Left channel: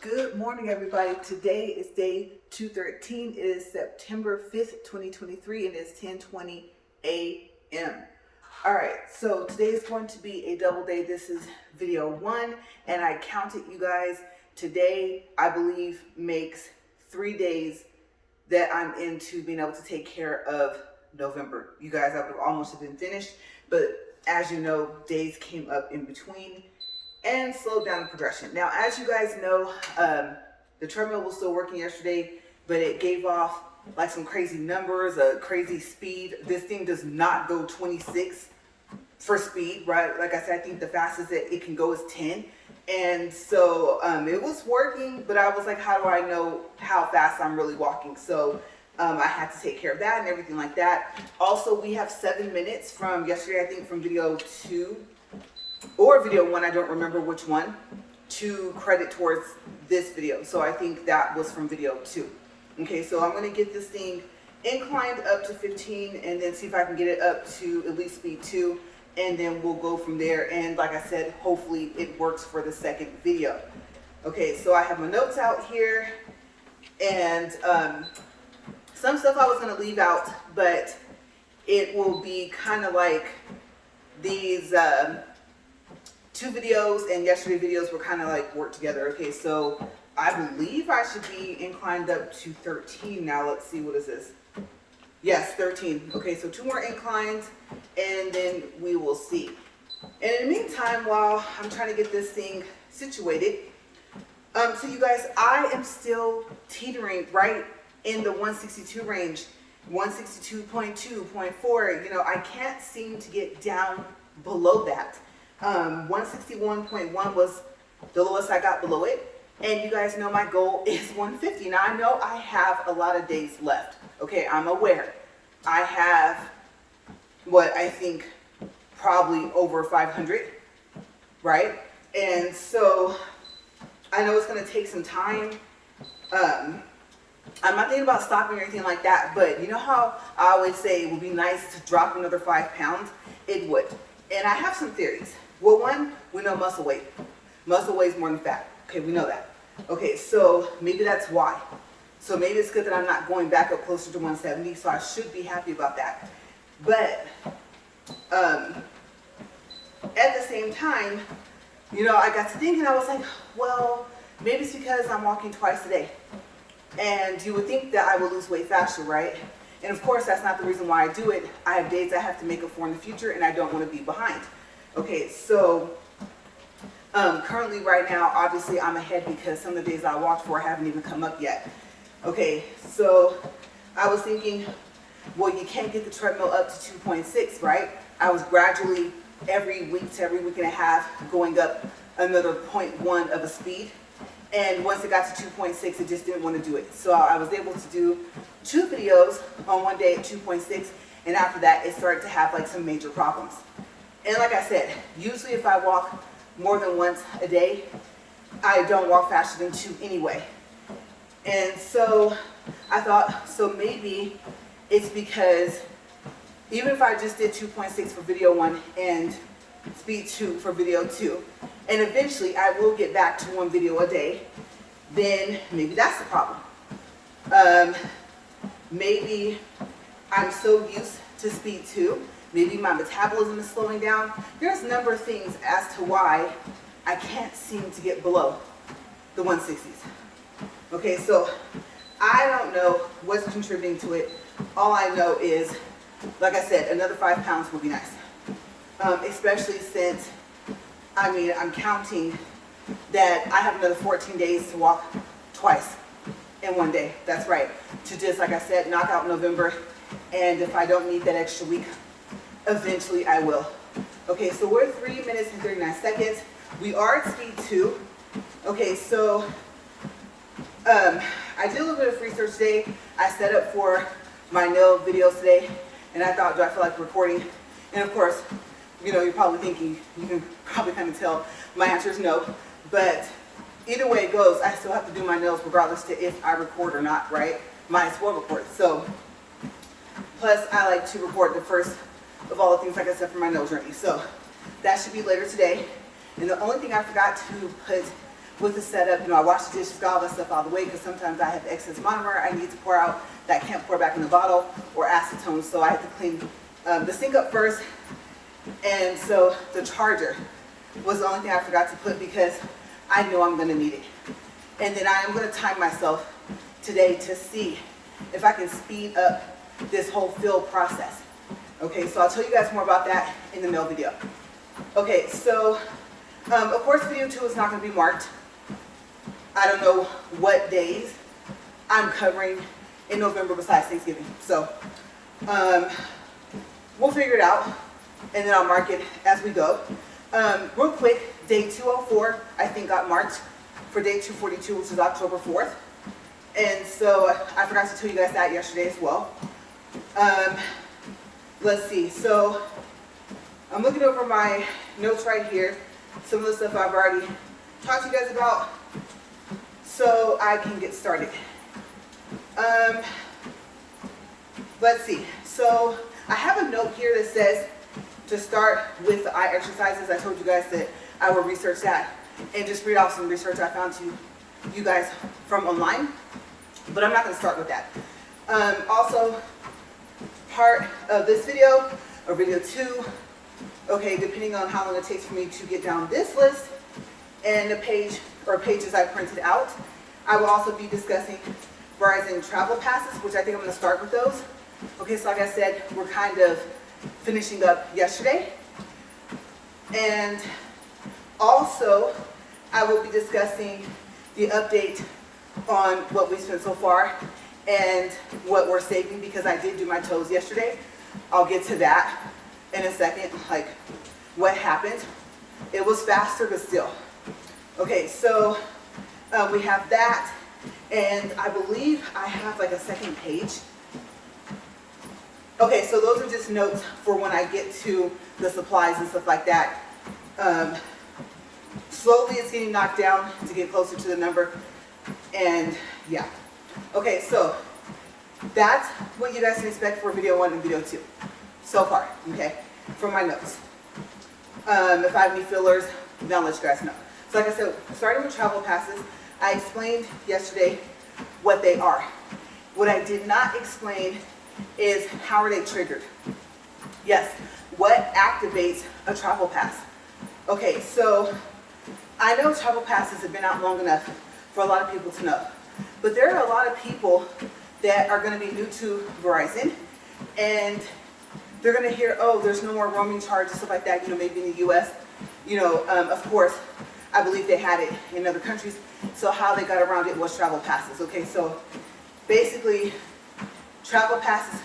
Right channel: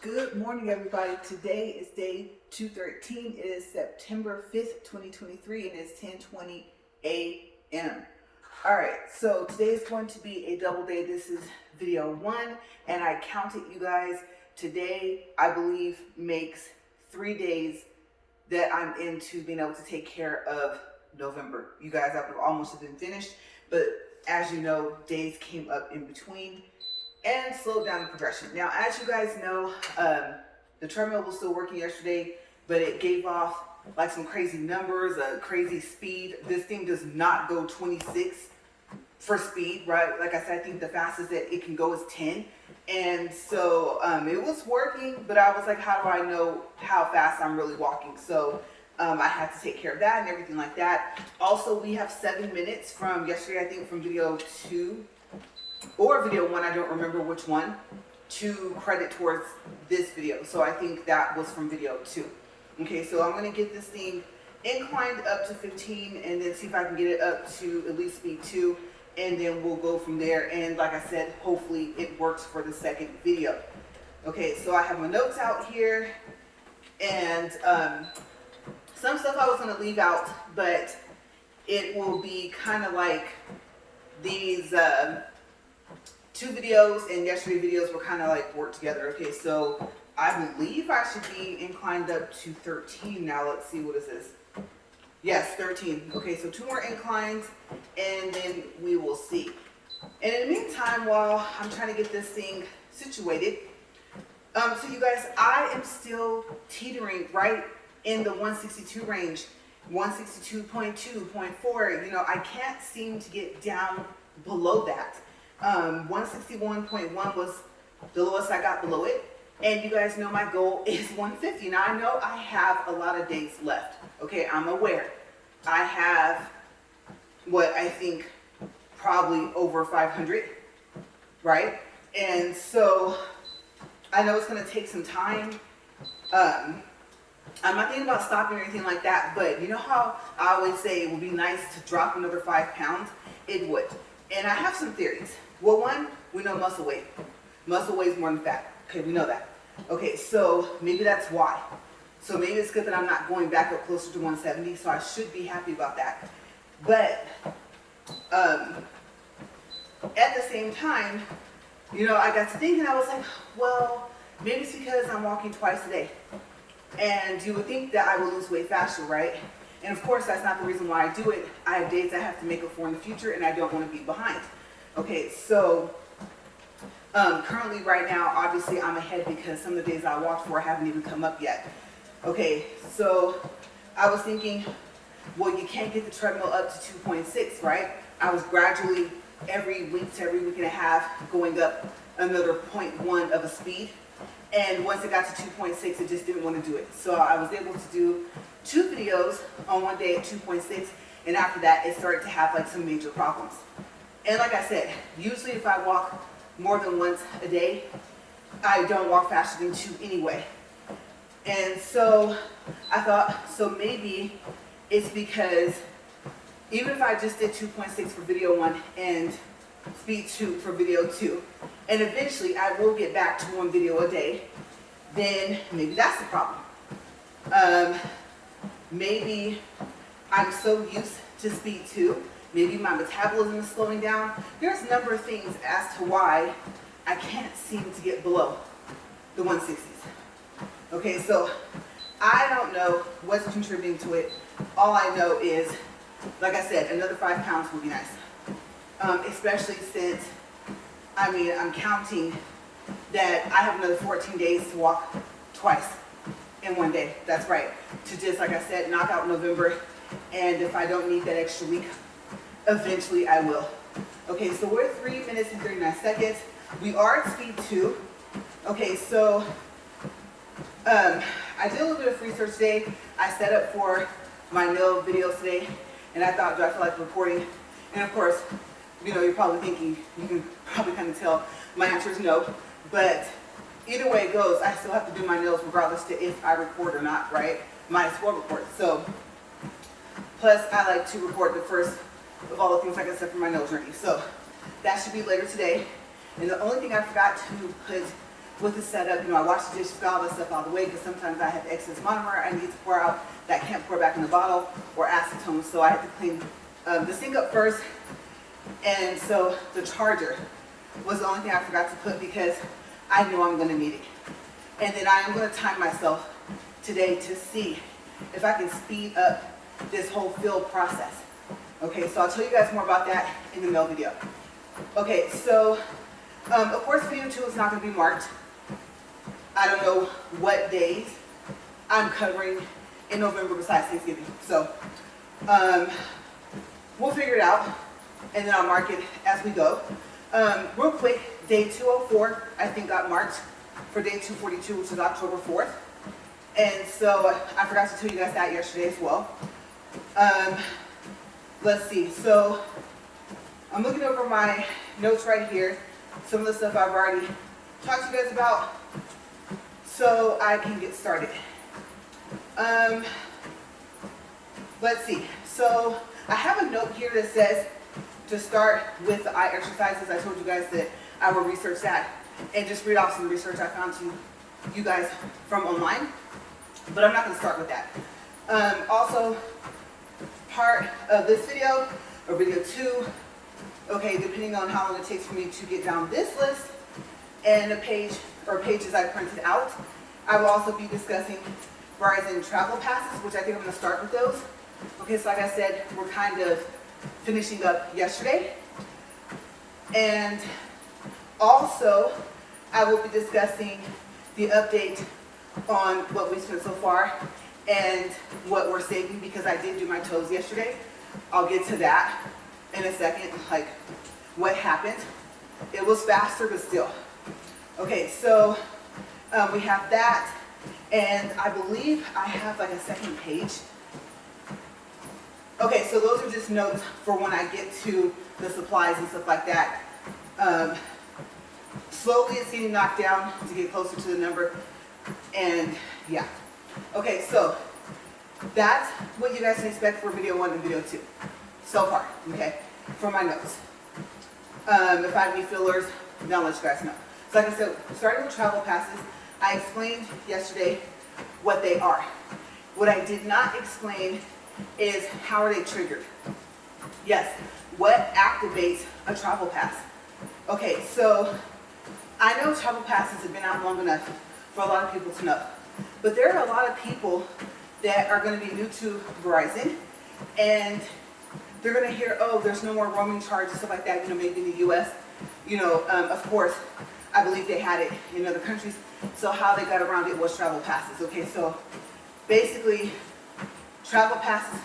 Good morning, everybody. Today is day 213. It is September 5th, 2023, and it's 10:20 a.m. All right, so today is going to be a double day. This is video one, and I counted, you guys. Today, I believe, makes 3 days that I'm into being able to take care of November. You guys, I would have almost been finished, but as you know, days came up in between and slowed down the progression. Now, as you guys know, the treadmill was still working yesterday, but it gave off like some crazy numbers, a crazy speed. This thing does not go 26 for speed, right? Like I said, I think the fastest that it can go is 10. And so it was working, but I was like, how do I know how fast I'm really walking? So I had to take care of that and everything like that. Also, we have 7 minutes from yesterday, I think from video 2 or video 1, I don't remember which one, to credit towards this video. So I think that was from video 2. Okay, so I'm gonna get this thing inclined up to 15 and then see if I can get it up to at least speed 2, and then we'll go from there. And like I said, hopefully it works for the second video. Okay, so I have my notes out here, and some stuff I was gonna leave out, but it will be kind of like these 2 videos and yesterday videos were kind of like work together. Okay, so I believe I should be inclined up to 13 now. Let's see, what is this? Yes, 13. Okay, so 2 more inclines and then we will see. And in the meantime, while I'm trying to get this thing situated, so you guys, I am still teetering right in the 162 range, 162.2, 0.4. You know, I can't seem to get down below that. 161.1 was the lowest I got below it, and you guys know my goal is 150. Now I know I have a lot of days left. Okay, I'm aware. I have what I think probably over 500, right? And so I know it's going to take some time. I'm not thinking about stopping or anything like that, but you know how I always say it would be nice to drop another 5 pounds? It would. And I have some theories. Well, one, we know muscle weight. Muscle weighs more than fat. Okay, we know that. Okay, so maybe that's why. So maybe it's good that I'm not going back up closer to 170, so I should be happy about that. But at the same time, you know, I got to thinking, I was like, well, maybe it's because I'm walking twice a day. And you would think that I would lose weight faster, right? And of course, that's not the reason why I do it. I have days I have to make up for in the future, and I don't want to be behind. Okay, so currently right now, obviously I'm ahead because some of the days I walked for haven't even come up yet. Okay, so I was thinking, well, you can't get the treadmill up to 2.6, right? I was gradually every week to every week and a half going up another 0.1 of a speed. And once it got to 2.6, it just didn't want to do it. So I was able to do 2 videos on one day at 2.6, and after that, it started to have like some major problems. And like I said, usually if I walk more than once a day, I don't walk faster than 2 anyway. And so I thought, so maybe it's because even if I just did 2.6 for video 1 and speed 2 for video 2, and eventually I will get back to 1 video a day, then maybe that's the problem. Maybe I'm so used to speed 2, maybe my metabolism is slowing down. There's a number of things as to why I can't seem to get below the 160s. Okay, so I don't know what's contributing to it. All I know is, like I said, another 5 pounds would be nice. Especially since, I mean, I'm counting that I have another 14 days to walk twice in one day. That's right. To just, like I said, knock out November. And if I don't need that extra week, eventually I will. Okay, so we're 3 minutes and 39 seconds. We are at speed 2. Okay, so I did a little bit of research today. I set up for my nail videos today, and I thought, do I feel like recording? And of course, you know, you're probably thinking, you can probably kind of tell my answer is no. But either way it goes, I still have to do my nails regardless to if I record or not, right? Might as well record. So, plus I like to record the first of all the things, like I said, for my nail journey. So that should be later today. And the only thing I forgot to put with the setup. You know, I wash the dishes, got all that stuff out of the way because sometimes I have excess monomer I need to pour out that I can't pour back in the bottle or acetone. So I have to clean the sink up first. And so the charger was the only thing I forgot to put because I know I'm going to need it. And then I am going to time myself today to see if I can speed up this whole fill process. Okay, so I'll tell you guys more about that in the mail video. Okay, so of course video 2 is not going to be marked. I don't know what days I'm covering in November besides Thanksgiving. So we'll figure it out and then I'll mark it as we go. Real quick, day 204 I think got marked for day 242, which is October 4th. And so I forgot to tell you guys that yesterday as well. Let's see, so I'm looking over my notes right here. Some of the stuff I've already talked to you guys about, so I can get started. Let's see, so I have a note here that says to start with the eye exercises. I told you guys that I will research that and just read off some research I found to you guys from online, but I'm not going to start with that. Also, part of this video, or video 2, okay, depending on how long it takes for me to get down this list and the page or pages I printed out, I will also be discussing Verizon Travel Passes, which I think I'm going to start with those. Okay, so like I said, we're kind of finishing up yesterday. And also, I will be discussing the update on what we spent so far and what we're saving because I did do my toes yesterday. I'll get to that in a second, like what happened. It was faster, but still. Okay, so we have that, and I believe I have like a second page. Okay, so those are just notes for when I get to the supplies and stuff like that. Slowly it's getting knocked down to get closer to the number, and yeah. Okay, so that's what you guys can expect for video 1 and video 2 so far, okay, from my notes. If I have any fillers, then I'll let you guys know. So like I said, starting with travel passes, I explained yesterday what they are. What I did not explain is how are they triggered. Yes, what activates a travel pass? Okay, so I know travel passes have been out long enough for a lot of people to know, but there are a lot of people that are going to be new to Verizon, and they're going to hear, oh, there's no more roaming charges, stuff like that, you know, maybe in the U.S. You know, of course, I believe they had it in other countries, so how they got around it was travel passes. Okay, so basically, travel passes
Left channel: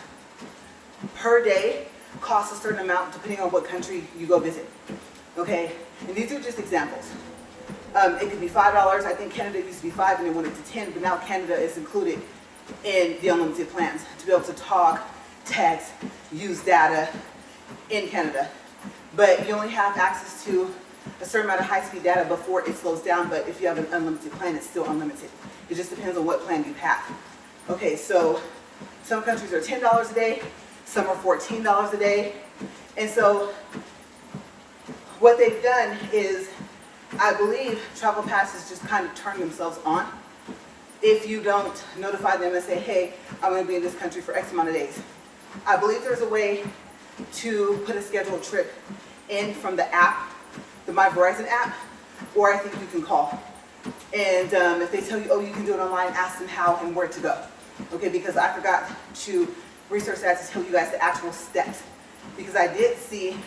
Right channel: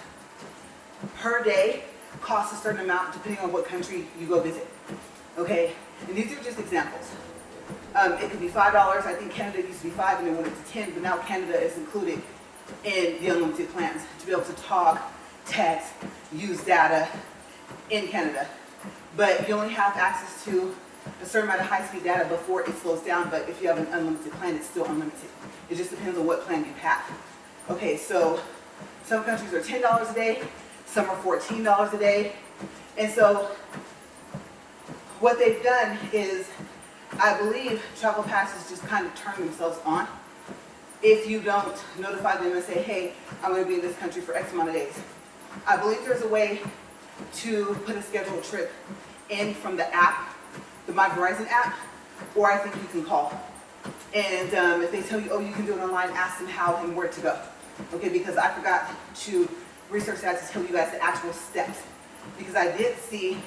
per day cost a certain amount depending on what country you go visit. Okay, and these are just examples. It could be $5. I think Canada used to be $5 and they went up to $10, but now Canada is included in the unlimited plans to be able to talk, text, use data in Canada. But you only have access to a certain amount of high-speed data before it slows down, but if you have an unlimited plan, it's still unlimited. It just depends on what plan you have. Okay, so some countries are $10 a day, some are $14 a day, and so what they've done is, I believe travel passes just kind of turn themselves on if you don't notify them and say, hey, I'm going to be in this country for X amount of days. I believe there's a way to put a scheduled trip in from the app, the My Verizon app, or I think you can call. And if they tell you, oh, you can do it online, ask them how and where to go. Okay, because I forgot to research that to tell you guys the actual steps. Because I did see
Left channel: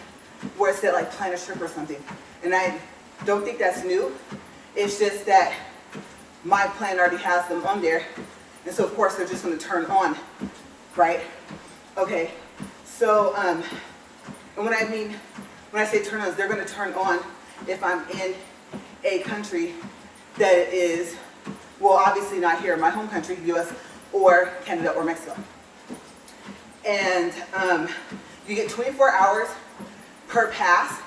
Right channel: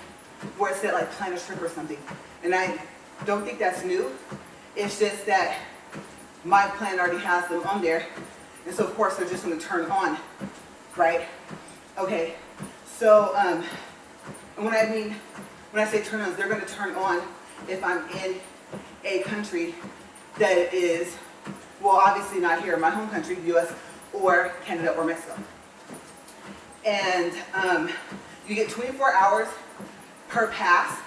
where it said like plan a trip or something. And I don't think that's new. It's just that my plan already has them on there. And so of course they're just going to turn on, right? Okay, so and when I say turn on, they're going to turn on if I'm in a country that is, well, obviously not here in my home country, US, or Canada or Mexico. And you get 24 hours per pass,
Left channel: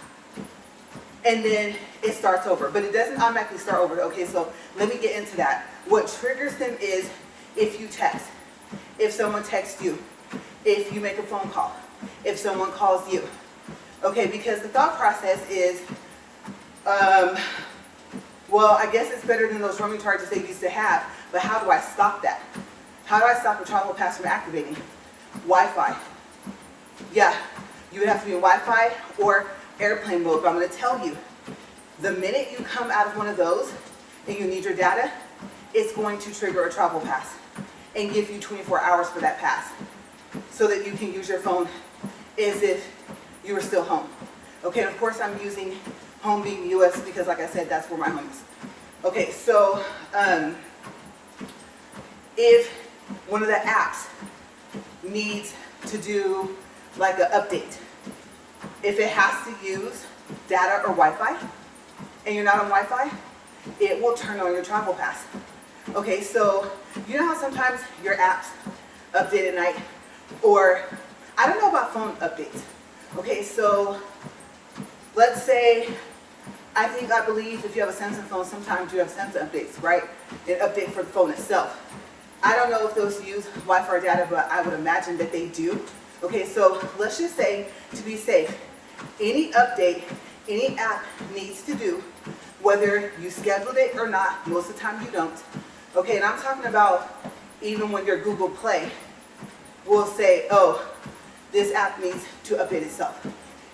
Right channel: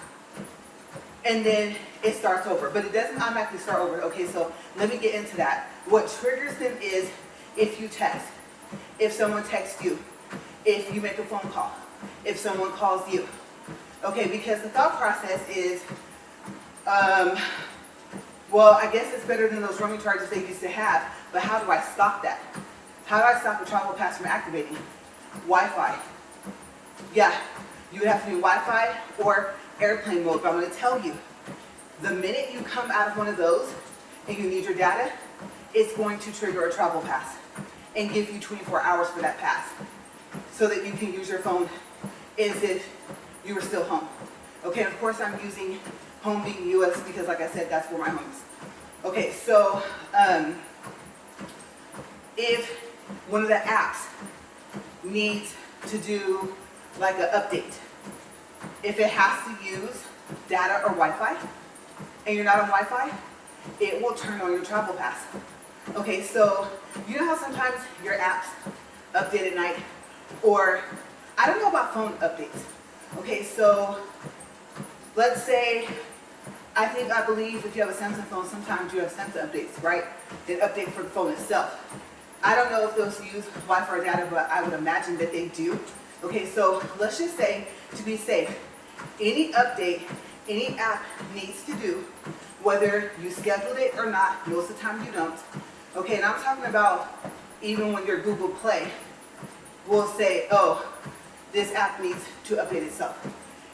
and then it starts over. But it doesn't automatically start over. Okay, so let me get into that. What triggers them is if you text, if someone texts you, if you make a phone call, if someone calls you. Okay, because the thought process is Well, I guess it's better than those roaming charges they used to have, but how do I stop that? How do I stop a travel pass from activating? Wi-Fi. Yeah, you would have to be in Wi-Fi or airplane mode, but I'm going to tell you, the minute you come out of one of those and you need your data, it's going to trigger a travel pass and give you 24 hours for that pass so that you can use your phone as if you were still home. Okay, of course I'm using home being US because like I said, that's where my home is. Okay, so if one of the apps needs to do like an update, if it has to use data or Wi-Fi and you're not on Wi-Fi, it will turn on your travel pass. Okay, so you know how sometimes your apps update at night, or I don't know about phone updates. Okay, so let's say, I believe if you have a Samsung phone, sometimes you have Samsung updates, right? An update for the phone itself. I don't know if those use Wi-Fi or data, but I would imagine that they do. Okay, so let's just say, to be safe, any update, any app needs to do, whether you scheduled it or not, most of the time you don't. Okay, and I'm talking about even when your Google Play will say, oh, this app needs to update itself.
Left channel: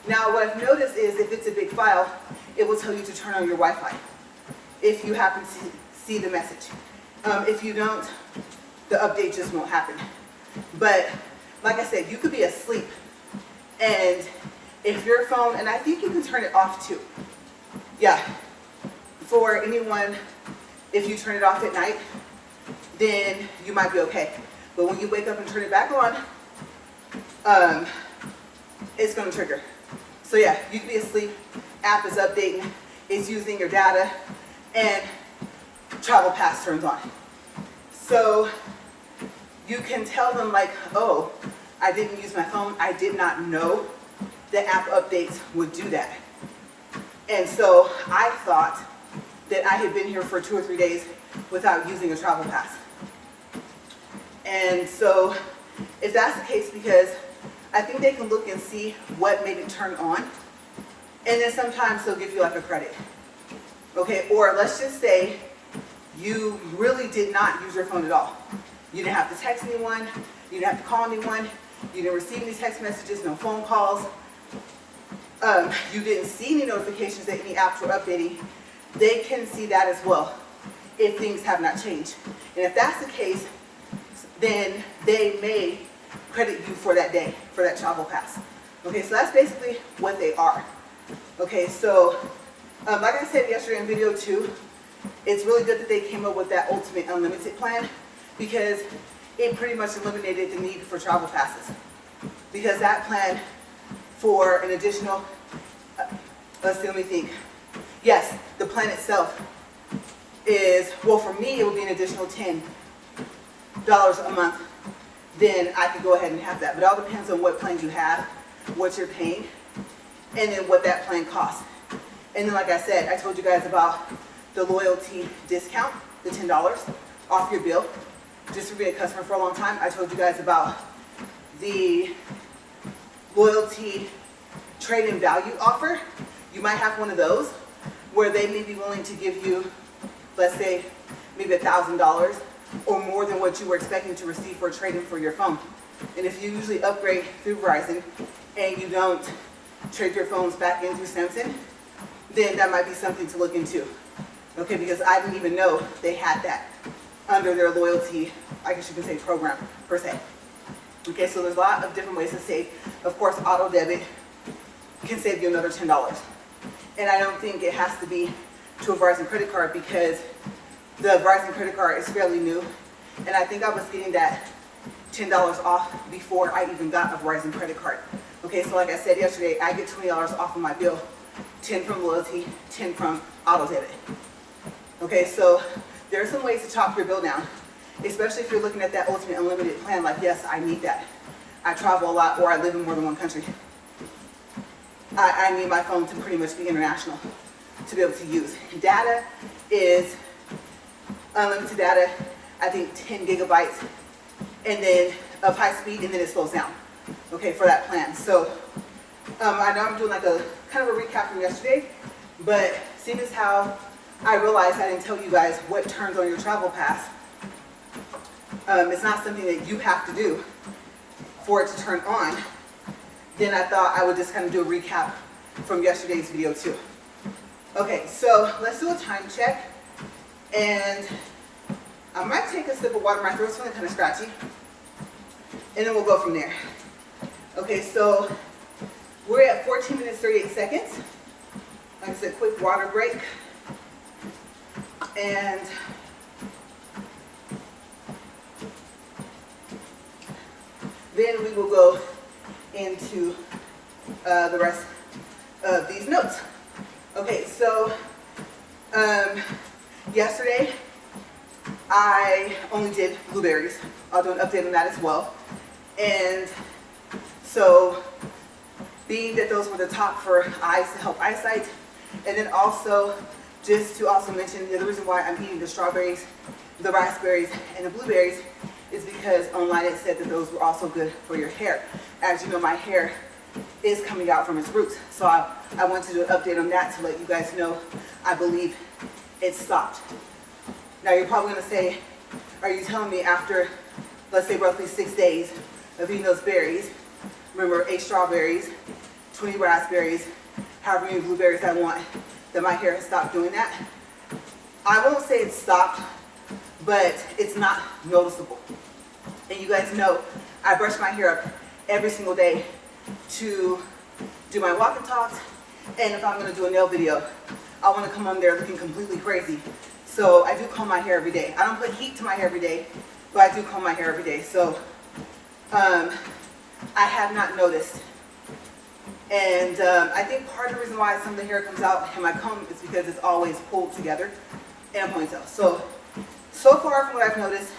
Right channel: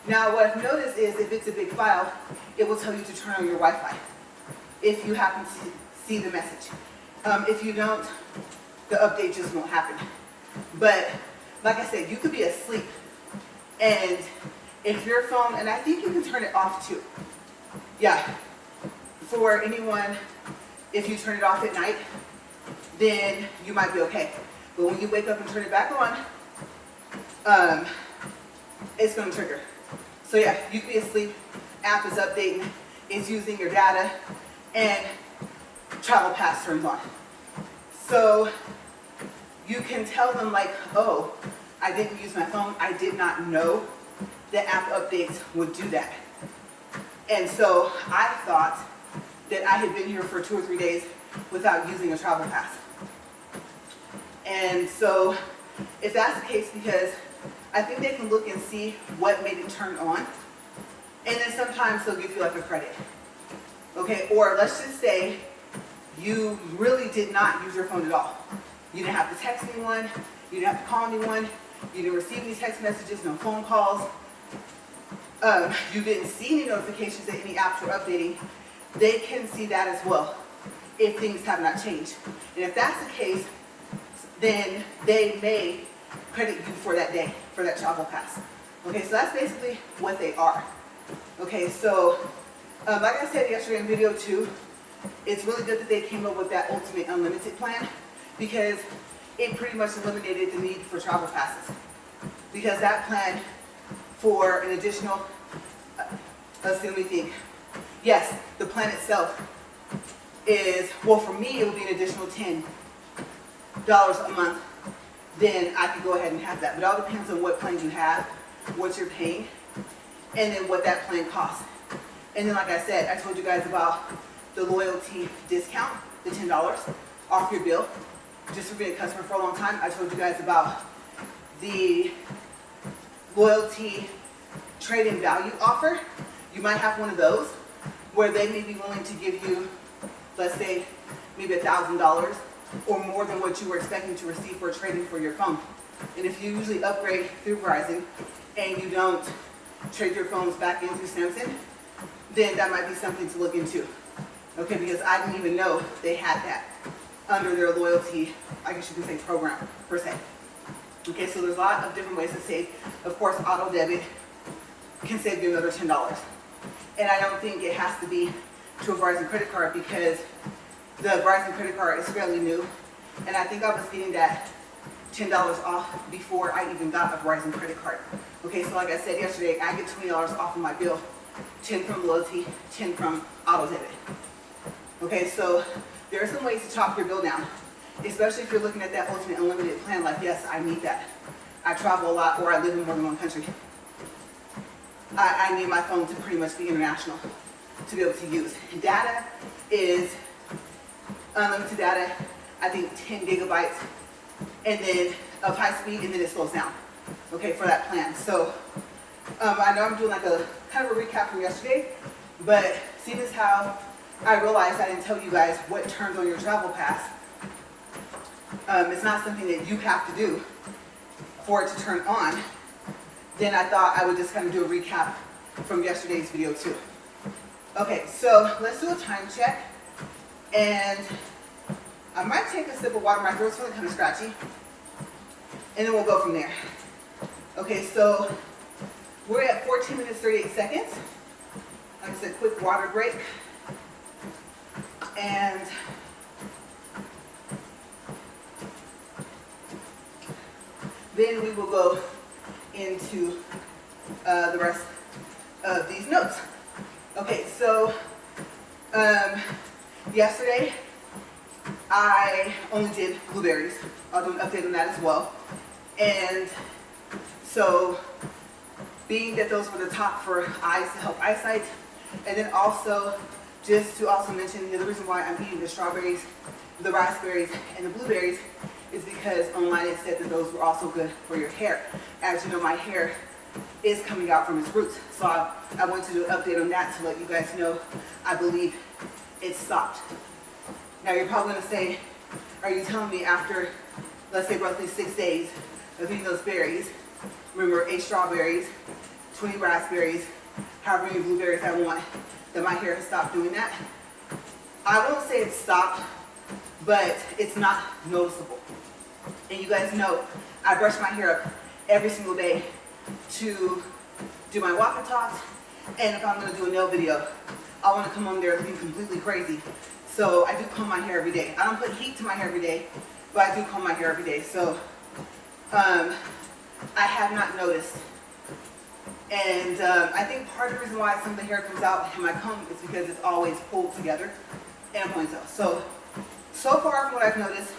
Now, what I've noticed is if it's a big file, it will tell you to turn on your Wi-Fi if you happen to see the message. If you don't, the update just won't happen. But like I said, you could be asleep, and if your phone, and I think you can turn it off too. Yeah, for anyone, if you turn it off at night, then you might be okay. But when you wake up and turn it back on, it's going to trigger. So yeah, you can be asleep, app is updating, it's using your data, and travel pass turns on. So you can tell them like, oh, I didn't use my phone, I did not know that app updates would do that. And so I thought that I had been here for 2 or 3 days without using a travel pass. And so if that's the case, because I think they can look and see what made it turn on, and then sometimes they'll give you like a credit. Okay, or let's just say you really did not use your phone at all. You didn't have to text anyone, you didn't have to call anyone, you didn't receive any text messages, no phone calls, you didn't see any notifications that any apps were updating. They can see that as well if things have not changed. And if that's the case, then they may credit you for that day, for that travel pass. Okay, so that's basically what they are. Okay, so like I said yesterday in video 2, it's really good that they came up with that ultimate unlimited plan, because it pretty much eliminated the need for travel passes. Because that plan for an additional, let's see, let me think. Yes, the plan itself is, well, for me, it would be an additional $10 a month. Then I could go ahead and have that. But it all depends on what plan you have, what you're paying, and then what that plan costs. And then, like I said, I told you guys about the loyalty discount, the $10 off your bill, just for being a customer for a long time. I told you guys about the loyalty trade-in value offer. You might have one of those where they may be willing to give you, let's say, maybe $1,000 or more than what you were expecting to receive for a trade-in for your phone. And if you usually upgrade through Verizon and you don't trade your phones back into Samsung, then that might be something to look into. Okay, because I didn't even know they had that under their loyalty, I guess you can say, program per se. Okay, so there's a lot of different ways to save. Of course, auto debit can save you another $10. And I don't think it has to be to a Verizon credit card, because the Verizon credit card is fairly new. And I think I was getting that $10 off before I even got a Verizon credit card. Okay, so like I said yesterday, I get $20 off of my bill, 10 from loyalty, 10 from auto debit. Okay, so there are some ways to chop your bill down, especially if you're looking at that ultimate unlimited plan, like, yes, I need that. I travel a lot, or I live in more than one country. I need my phone to pretty much be international to be able to use. Data is unlimited data, I think 10 gigabytes, and then of high speed, and then it slows down, okay, for that plan. So I know I'm doing like a kind of a recap from yesterday, but seeing as how I realized I didn't tell you guys what turns on your travel pass. It's not something that you have to do for it to turn on. Then I thought I would just kind of do a recap from yesterday's video too. Okay, so let's do a time check. And I might take a sip of water. My throat's feeling kind of scratchy. And then we'll go from there. Okay, so we're at 14 minutes, 38 seconds. Like I said, quick water break. And then we will go into the rest of these notes. Okay, so yesterday I only did blueberries. I'll do an update on that as well. And so being that those were the top for eyes to help eyesight, and then also just to also mention that the reason why I'm eating the strawberries, the raspberries, and the blueberries is because online it said that those were also good for your hair. As you know, my hair is coming out from its roots. So I want to do an update on that to let you guys know I believe it stopped. Now you're probably going to say, are you telling me after, let's say roughly 6 days of eating those berries, remember 8 strawberries, 20 raspberries, however many blueberries I want, that my hair has stopped doing that? I won't say it stopped, but it's not noticeable. And you guys know I brush my hair up every single day to do my walk and talks, and if I'm going to do a nail video, I want to come on there looking completely crazy. So I do comb my hair every day. I don't put heat to my hair every day, but I do comb my hair every day. So I have not noticed. And I think part of the reason why some of the hair comes out in my comb is because it's always pulled together in a ponytail. So far from what I've noticed,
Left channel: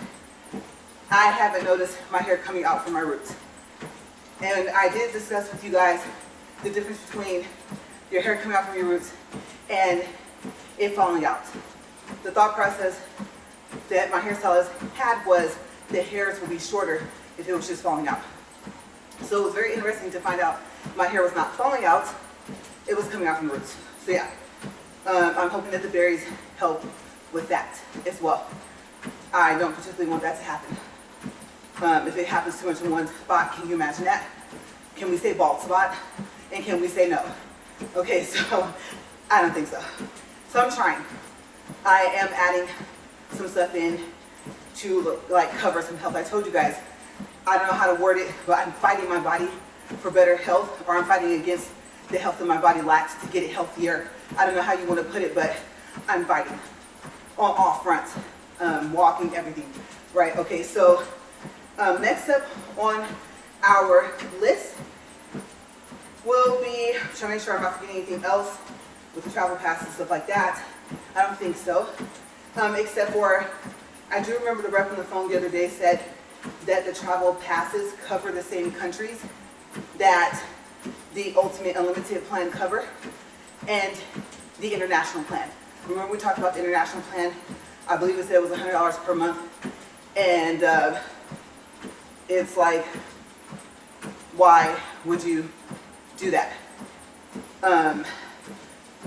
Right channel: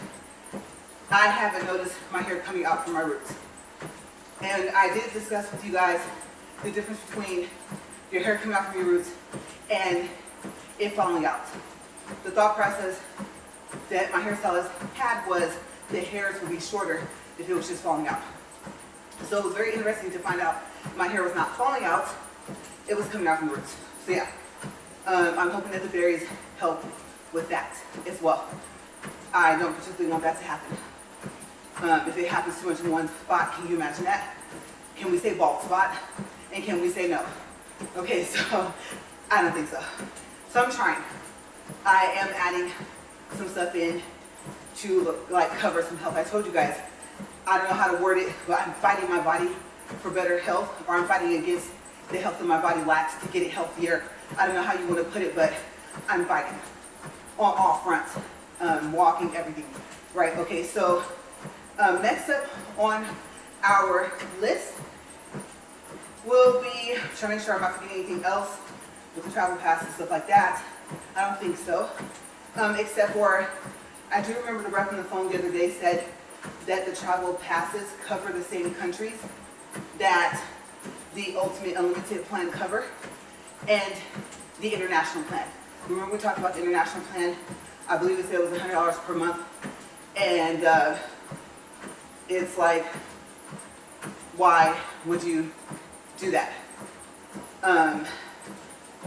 I haven't noticed my hair coming out from my roots. And I did discuss with you guys the difference between your hair coming out from your roots and it falling out. The thought process that my hairstylist had was the hairs would be shorter if it was just falling out. So it was very interesting to find out my hair was not falling out, it was coming out from the roots. So yeah, I'm hoping that the berries help with that as well. I don't particularly want that to happen. If it happens too much in one spot, can you imagine that? Can we say bald spot? And can we say no? Okay, so I don't think so. So I'm trying. I am adding some stuff in to cover some health. I told you guys, I don't know how to word it, but I'm fighting my body for better health, or I'm fighting against the health that my body lacks to get it healthier. I don't know how you want to put it, but I'm fighting on all fronts, walking, everything, right? Okay, so next up on our list will be, trying to make sure I'm not forgetting anything else with the travel pass and stuff like that. I don't think so, except for, I do remember the rep on the phone the other day said that the travel passes cover the same countries that the Ultimate Unlimited plan cover and the international plan. Remember we talked about the international plan? I believe it said it was $100 per month, and it's like, why would you do that?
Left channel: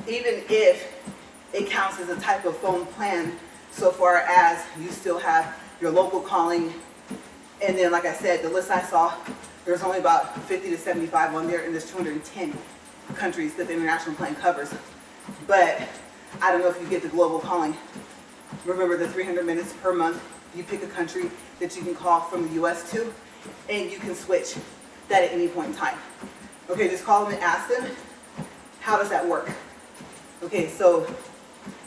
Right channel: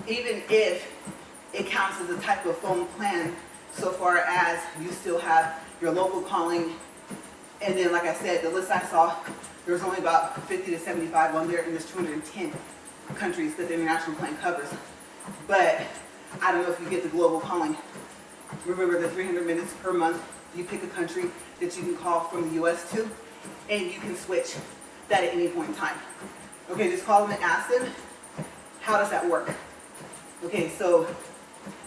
Even if it counts as a type of phone plan, so far as you still have your local calling, and then like I said, the list I saw, there's only about 50 to 75 on there, and there's 210 countries that the international plan covers. But I don't know if you get the global calling. Remember the 300 minutes per month, you pick a country that you can call from the US to, and you can switch that at any point in time. Okay, just call them and ask them, how does that work? Okay, so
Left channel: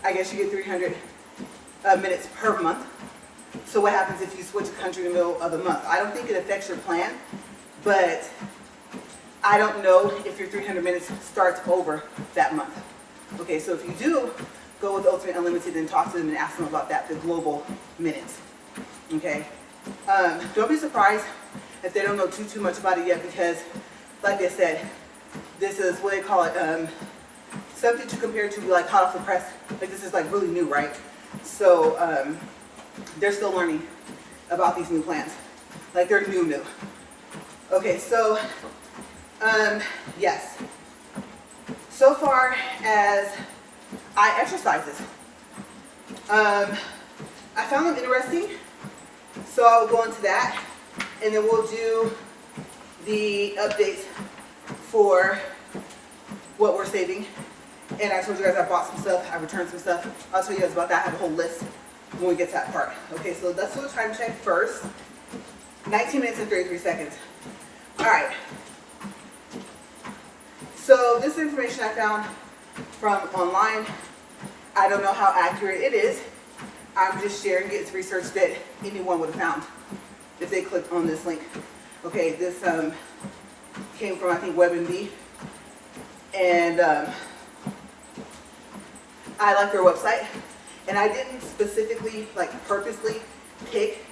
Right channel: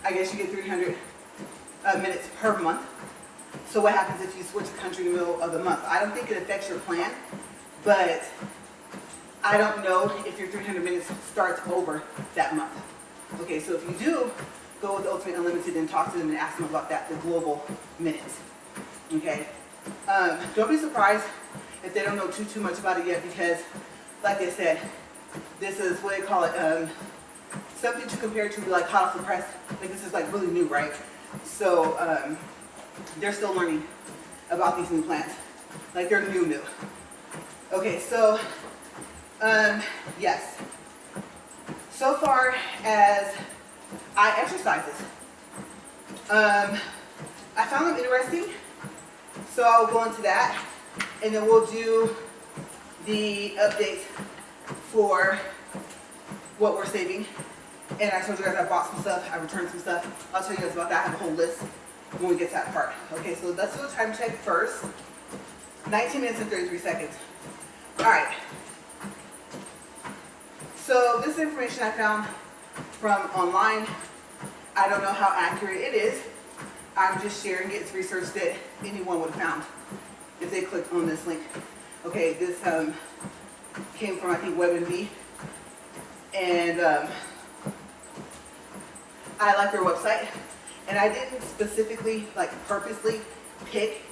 I guess you get 300 minutes per month. So what happens if you switch a country in the middle of the month? I don't think it affects your plan, but I don't know if your 300 minutes starts over that month. Okay, so if you do go with Ultimate Unlimited, then talk to them and ask them about that, the global minutes. Okay, don't be surprised if they don't know too much about it yet, because like I said, this is what they call it, something to compare to like hot off the press. Like this is like really new, right? So they're still learning about these new plans. Like they're new. Okay, so yes. So far as I exercises, I found them interesting, so I'll go into that, and then we'll do the updates for what we're saving. And I told you guys I bought some stuff, I returned some stuff. I'll tell you guys about that. I have a whole list when we get to that part. Okay, so let's do a time check first. 19 minutes and 33 seconds. All right. So this information I found from online. I don't know how accurate it is. I'm just sharing it. It's research that anyone would have found if they clicked on this link. Okay, this came from, I think, WebMD. And I like their website. And I didn't specifically, like purposely pick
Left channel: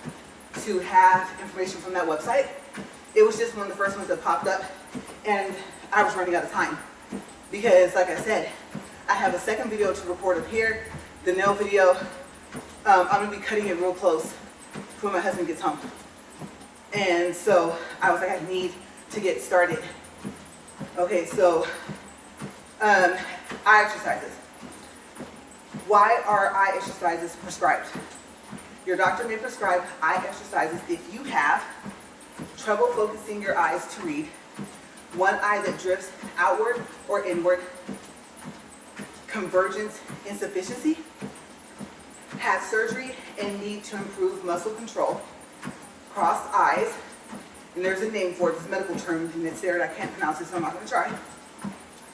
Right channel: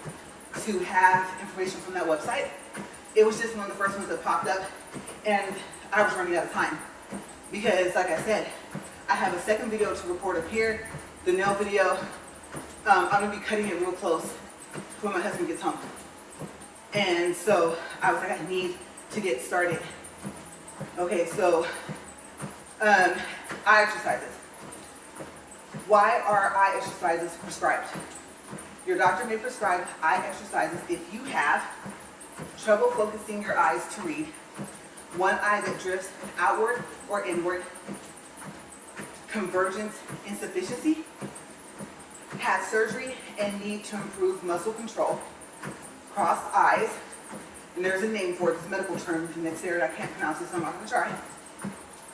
to have information from that website. It was just one of the first ones that popped up. And I was running out of time. Because, like I said, I have a second video to record up here. The nail video, I'm going to be cutting it real close when my husband gets home. And so I was like, I need to get started. Okay, so eye exercises. Why are eye exercises prescribed? Your doctor may prescribe eye exercises if you have trouble focusing your eyes to read, one eye that drifts outward or inward, convergence insufficiency, had surgery and need to improve muscle control, crossed eyes, and there's a name for it, it's a medical term, and it's there, and I can't pronounce it, so I'm not going to try.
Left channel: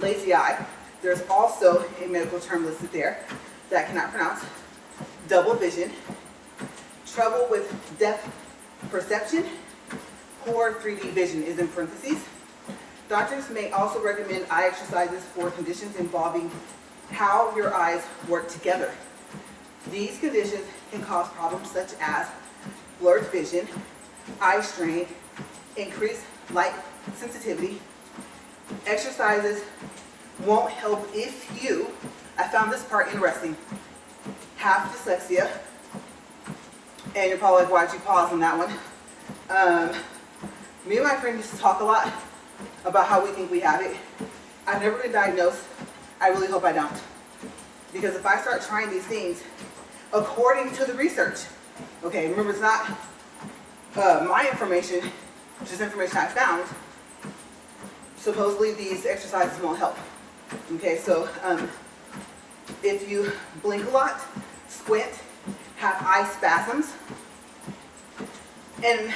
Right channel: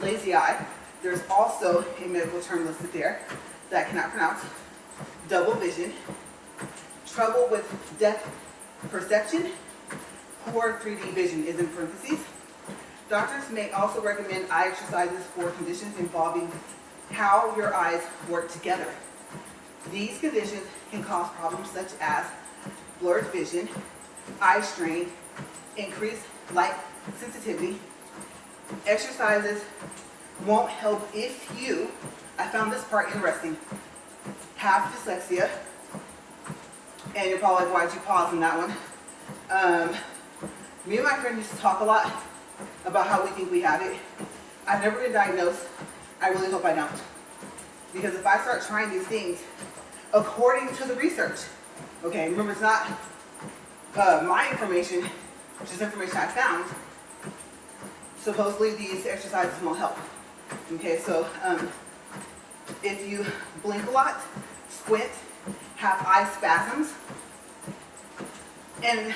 Lazy eye, there's also a medical term listed there that I cannot pronounce. Double vision, trouble with depth perception, poor 3D vision is in parentheses. Doctors may also recommend eye exercises for conditions involving how your eyes work together. These conditions can cause problems such as blurred vision, eye strain, increased light sensitivity. Exercises won't help if you, I found this part interesting, have dyslexia. And you're probably like, why'd you pause on that one? Me and my friend used to talk a lot about how we think we have it. I've never been diagnosed. I really hope I don't. Because if I start trying these things, according to the research, okay, remember it's not my information, just information I found, supposedly these exercises won't help. Okay, so if you blink a lot, squint, have eye spasms, and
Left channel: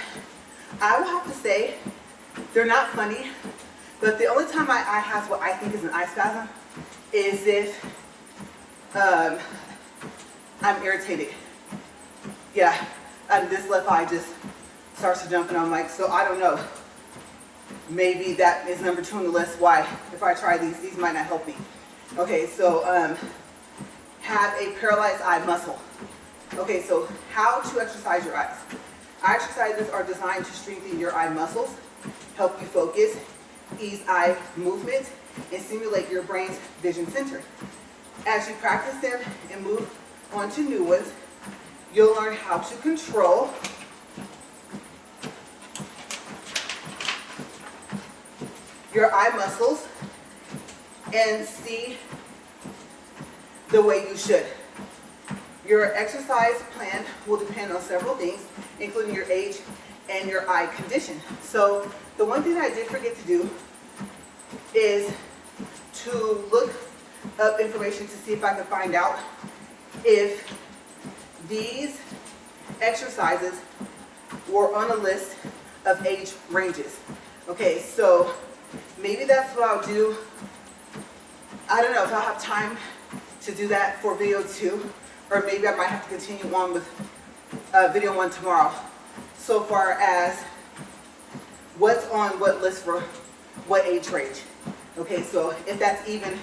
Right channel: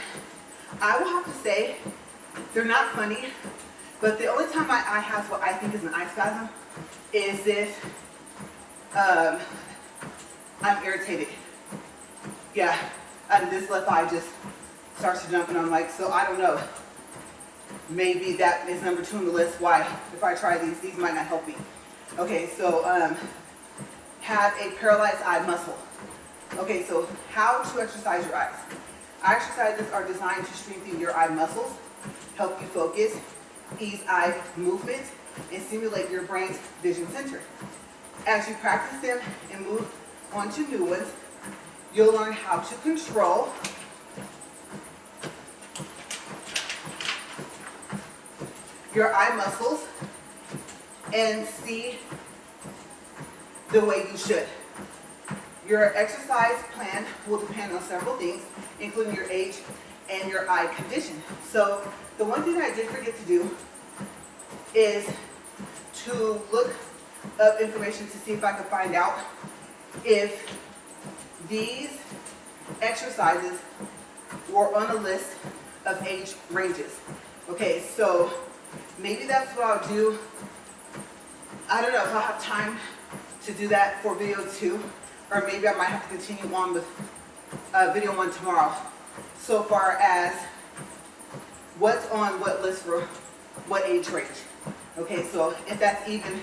I will have to say, they're not funny, but the only time my eye has what I think is an eye spasm is if I'm irritated. Yeah, and this left eye just starts to jump, and I'm like, so I don't know. Maybe that is number 2 on the list. Why, if I try these might not help me. Okay, so have a paralyzed eye muscle. Okay, so how to exercise your eyes. Eye exercises are designed to strengthen your eye muscles, help you focus, ease eye movement, and stimulate your brain's vision center. As you practice them and move on to new ones, you'll learn how to control your eye muscles and see the way you should. Your exercise plan will depend on several things, including your age and your eye condition. So the one thing I did forget to do is to look up information to see if I could find out if these exercises were on a list of age ranges. Okay, so maybe that's what I'll do. I don't know if I'll have time to do that for video 2, or maybe I might have to continue on with video 1 tomorrow. So far as what's on what list for what age range. Okay, so if that's even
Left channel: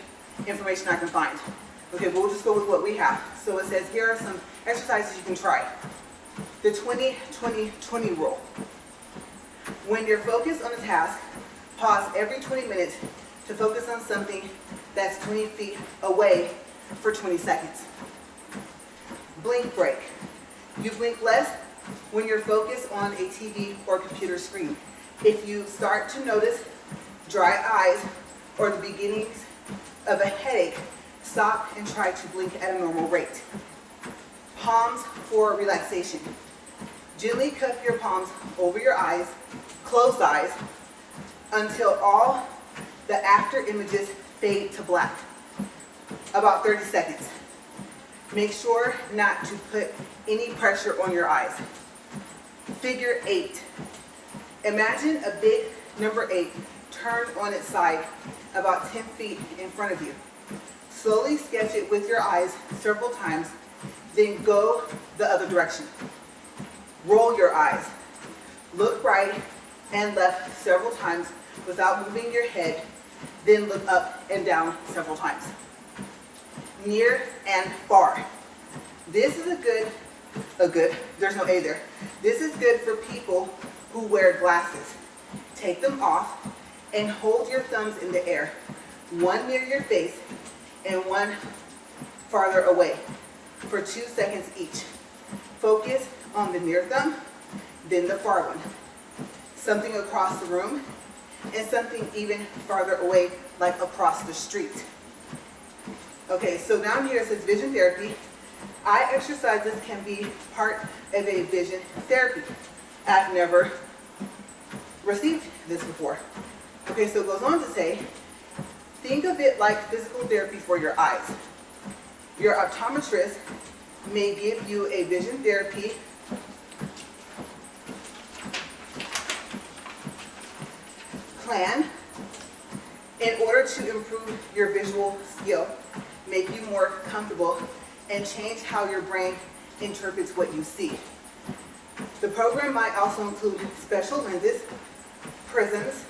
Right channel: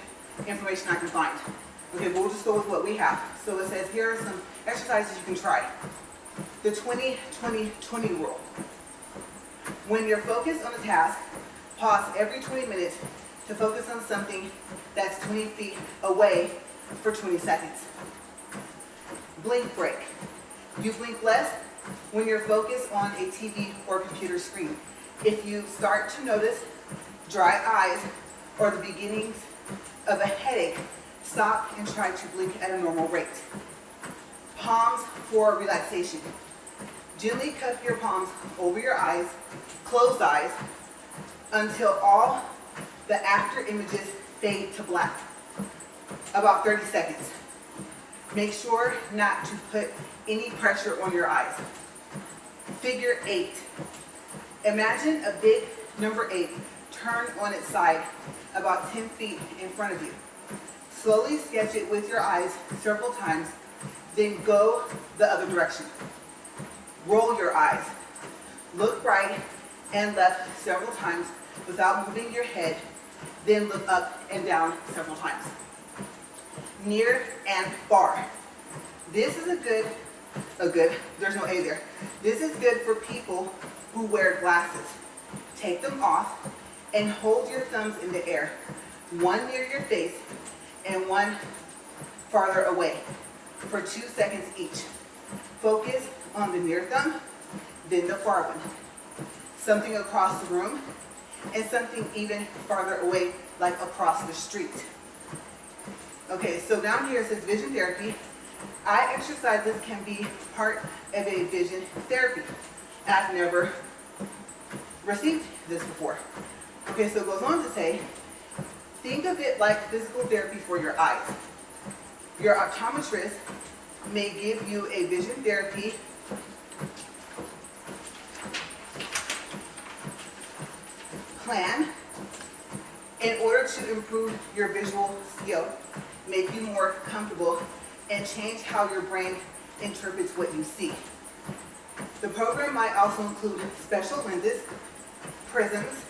information I can find. Okay, but we'll just go with what we have. So it says here are some exercises you can try. The 20-20-20 rule. When you're focused on a task, pause every 20 minutes to focus on something that's 20 feet away for 20 seconds. Blink break. You blink less when you're focused on a TV or computer screen. If you start to notice dry eyes or the beginnings of a headache, stop and try to blink at a normal rate. Palms for relaxation. Gently cup your palms over your eyes, closed eyes, until all the after images fade to black. About 30 seconds. Make sure not to put any pressure on your eyes. Figure 8. Imagine a big number 8 turned on its side about 10 feet in front of you. Slowly sketch it with your eyes several times, then go the other direction. Roll your eyes. Look right and left several times without moving your head, then look up and down several times. Near and far. This is there's no A there. This is good for people who wear glasses. Take them off and hold your thumbs in the air, one near your face and one farther away, for 2 seconds each. Focus on the near thumb, then the far one. Something across the room, and something even farther away, like across the street. Okay, so down here it says vision therapy. Eye exercises can be part of a vision therapy. I've never received this before. Okay, so it goes on to say, think of it like physical therapy for your eyes. Your optometrist may give you a vision therapy plan in order to improve your visual skill, make you more comfortable, and change how your brain interprets what you see. The program might also include special lenses, prisms,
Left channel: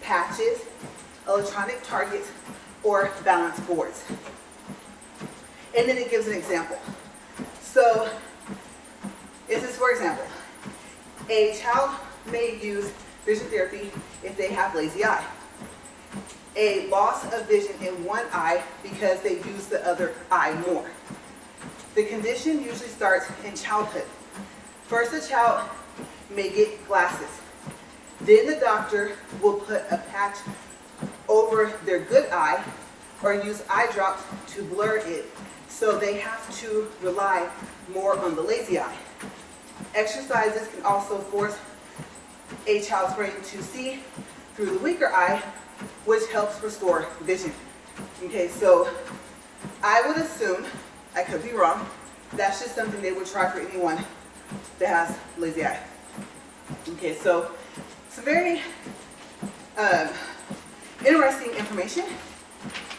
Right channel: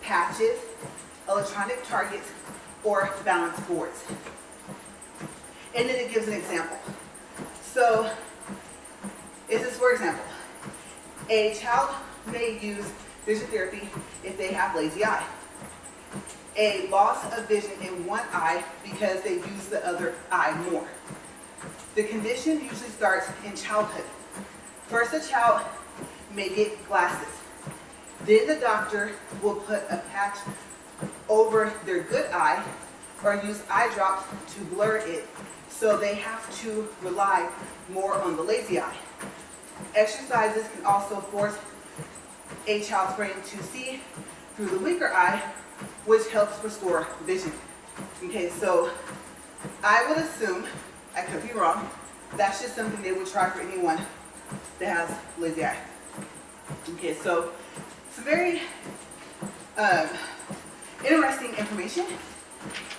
patches, electronic targets, or balance boards. And then it gives an example. So, this is for example, a child may use vision therapy if they have lazy eye. A loss of vision in one eye because they use the other eye more. The condition usually starts in childhood. First, the child may get glasses. Then the doctor will put a patch over their good eye or use eye drops to blur it, so they have to rely more on the lazy eye. Exercises can also force a child's brain to see through the weaker eye, which helps restore vision. Okay, so I would assume, I could be wrong, that's just something they would try for anyone that has lazy eye. Okay, so it's very interesting information,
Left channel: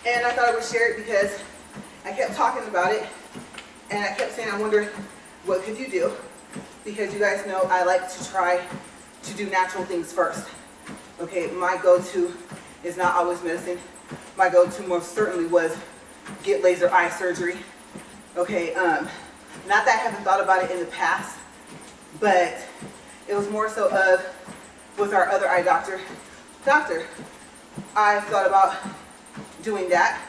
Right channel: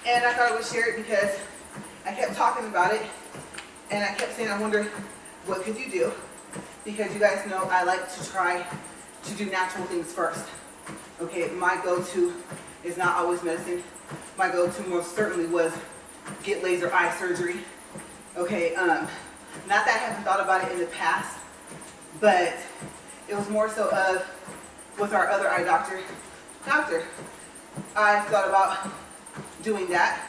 and I thought I would share it because I kept talking about it, and I kept saying, I wonder, what could you do? Because you guys know I like to try to do natural things first. Okay, my go-to is not always medicine. My go-to most certainly was get laser eye surgery. Okay, not that I haven't thought about it in the past, but it was more so of, with our other eye doctor, I thought about doing that.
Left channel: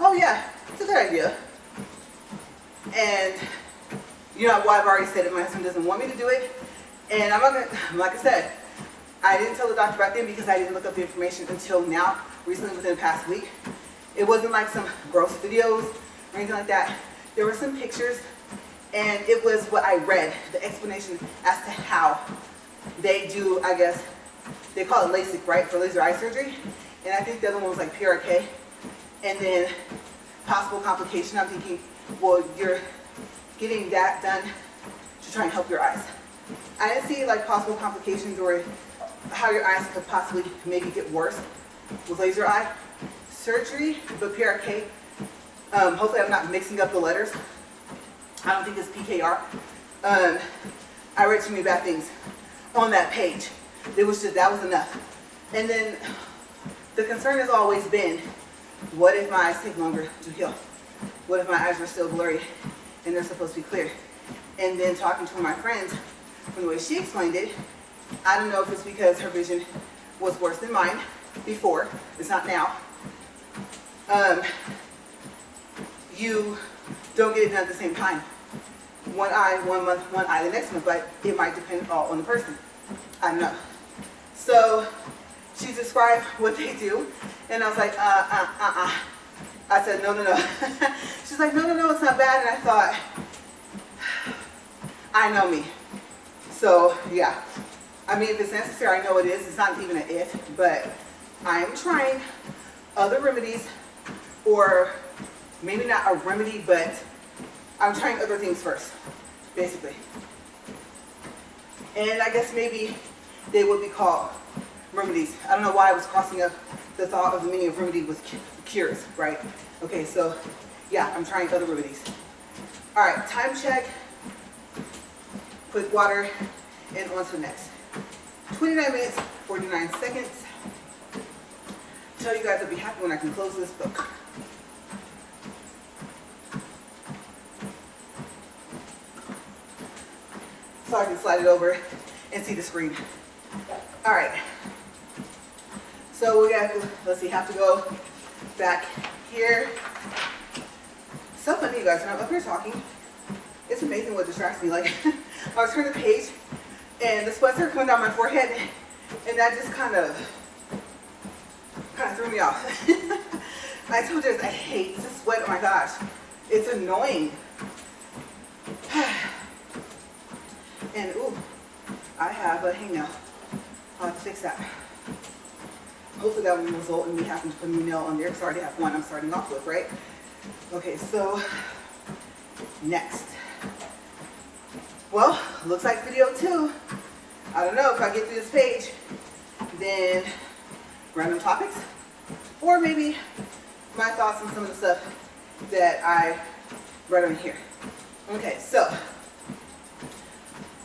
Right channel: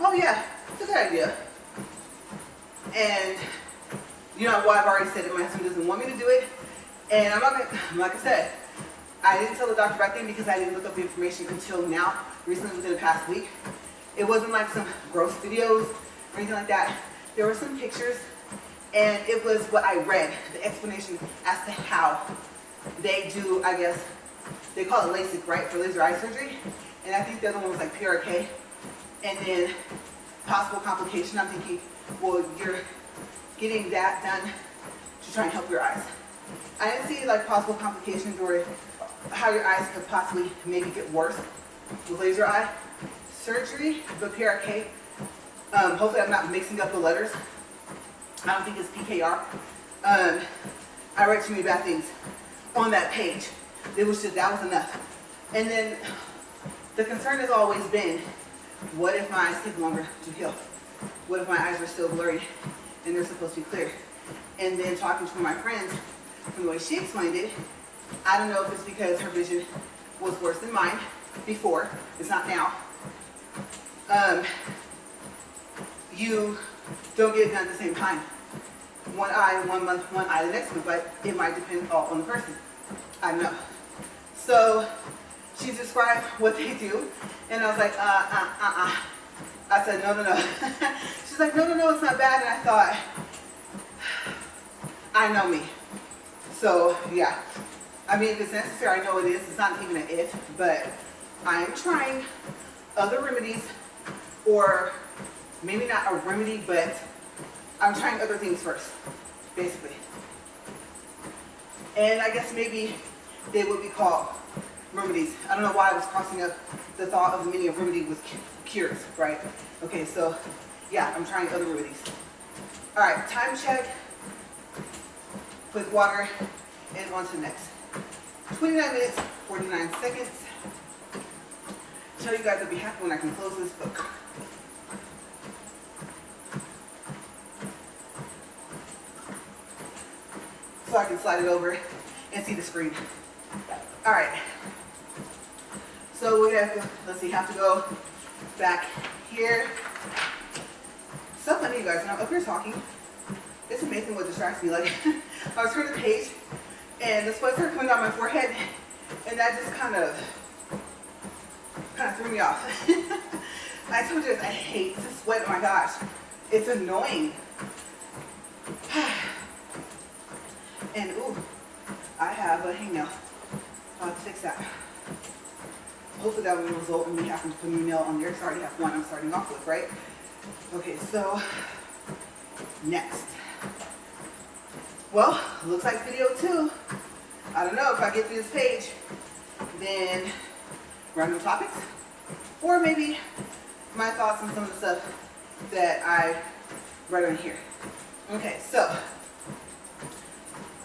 Oh yeah, it's a good idea. And you know what, I've already said it, my husband doesn't want me to do it. And I'm not gonna, like I said, I didn't tell the doctor back then because I didn't look up the information until now, recently within the past week. It wasn't like some gross videos or anything like that. There were some pictures, and it was what I read, the explanation as to how they do, I guess, they call it LASIK, right, for laser eye surgery. And I think the other one was like PRK. And then possible complication, I'm thinking, well, you're getting that done to try and help your eyes. I didn't see like possible complications or how your eyes could possibly maybe get worse with laser eye surgery, but PRK, hopefully I'm not mixing up the letters. I don't think it's PKR. I read too many bad things on that page. It was just, that was enough. And then the concern has always been, what if my eyes take longer to heal? What if my eyes are still blurry and they're supposed to be clear? And then talking to my friends, from the way she explained it, I don't know if it's because her vision was worse than mine before. It's not now. You don't get it done at the same time. One eye, 1 month, one eye the next month, but it might depend all on the person. I don't know. So she described what they do, and I was like, I said, no. She's like, no, it's not bad. And I thought, I know me. So yeah, I mean, if it's necessary, I know it is. It's not even an if, but I am trying other remedies, or maybe not a remedy, but I'm trying other things first, basically. And I guess maybe they would be called remedies. I don't know why I was crossing up the thought of the meaning of remedy with cures, right? Okay, so yeah, I'm trying other remedies. All right, time check. Quick water, and on to the next. 29 minutes, 49 seconds. Tell you guys I'll be happy when I can close this book. So I can slide it over and see the screen. All right. So we have to, let's see, have to go back here. So funny, you guys, when I'm up here talking, it's amazing what distracts me. Like, I was turning the page, and the sweats are coming down my forehead, and that just kind of threw me off. I told you guys, I hate the sweat. Oh my gosh, it's annoying. And ooh, I have a hangnail. I'll have to fix that. Hopefully that will result in me having to put a new nail on there, because I already have one I'm starting off with, right? Okay, so next. Well, looks like video 2. I don't know if I get through this page, then random topics, or maybe my thoughts on some of the stuff that I read on here. Okay, so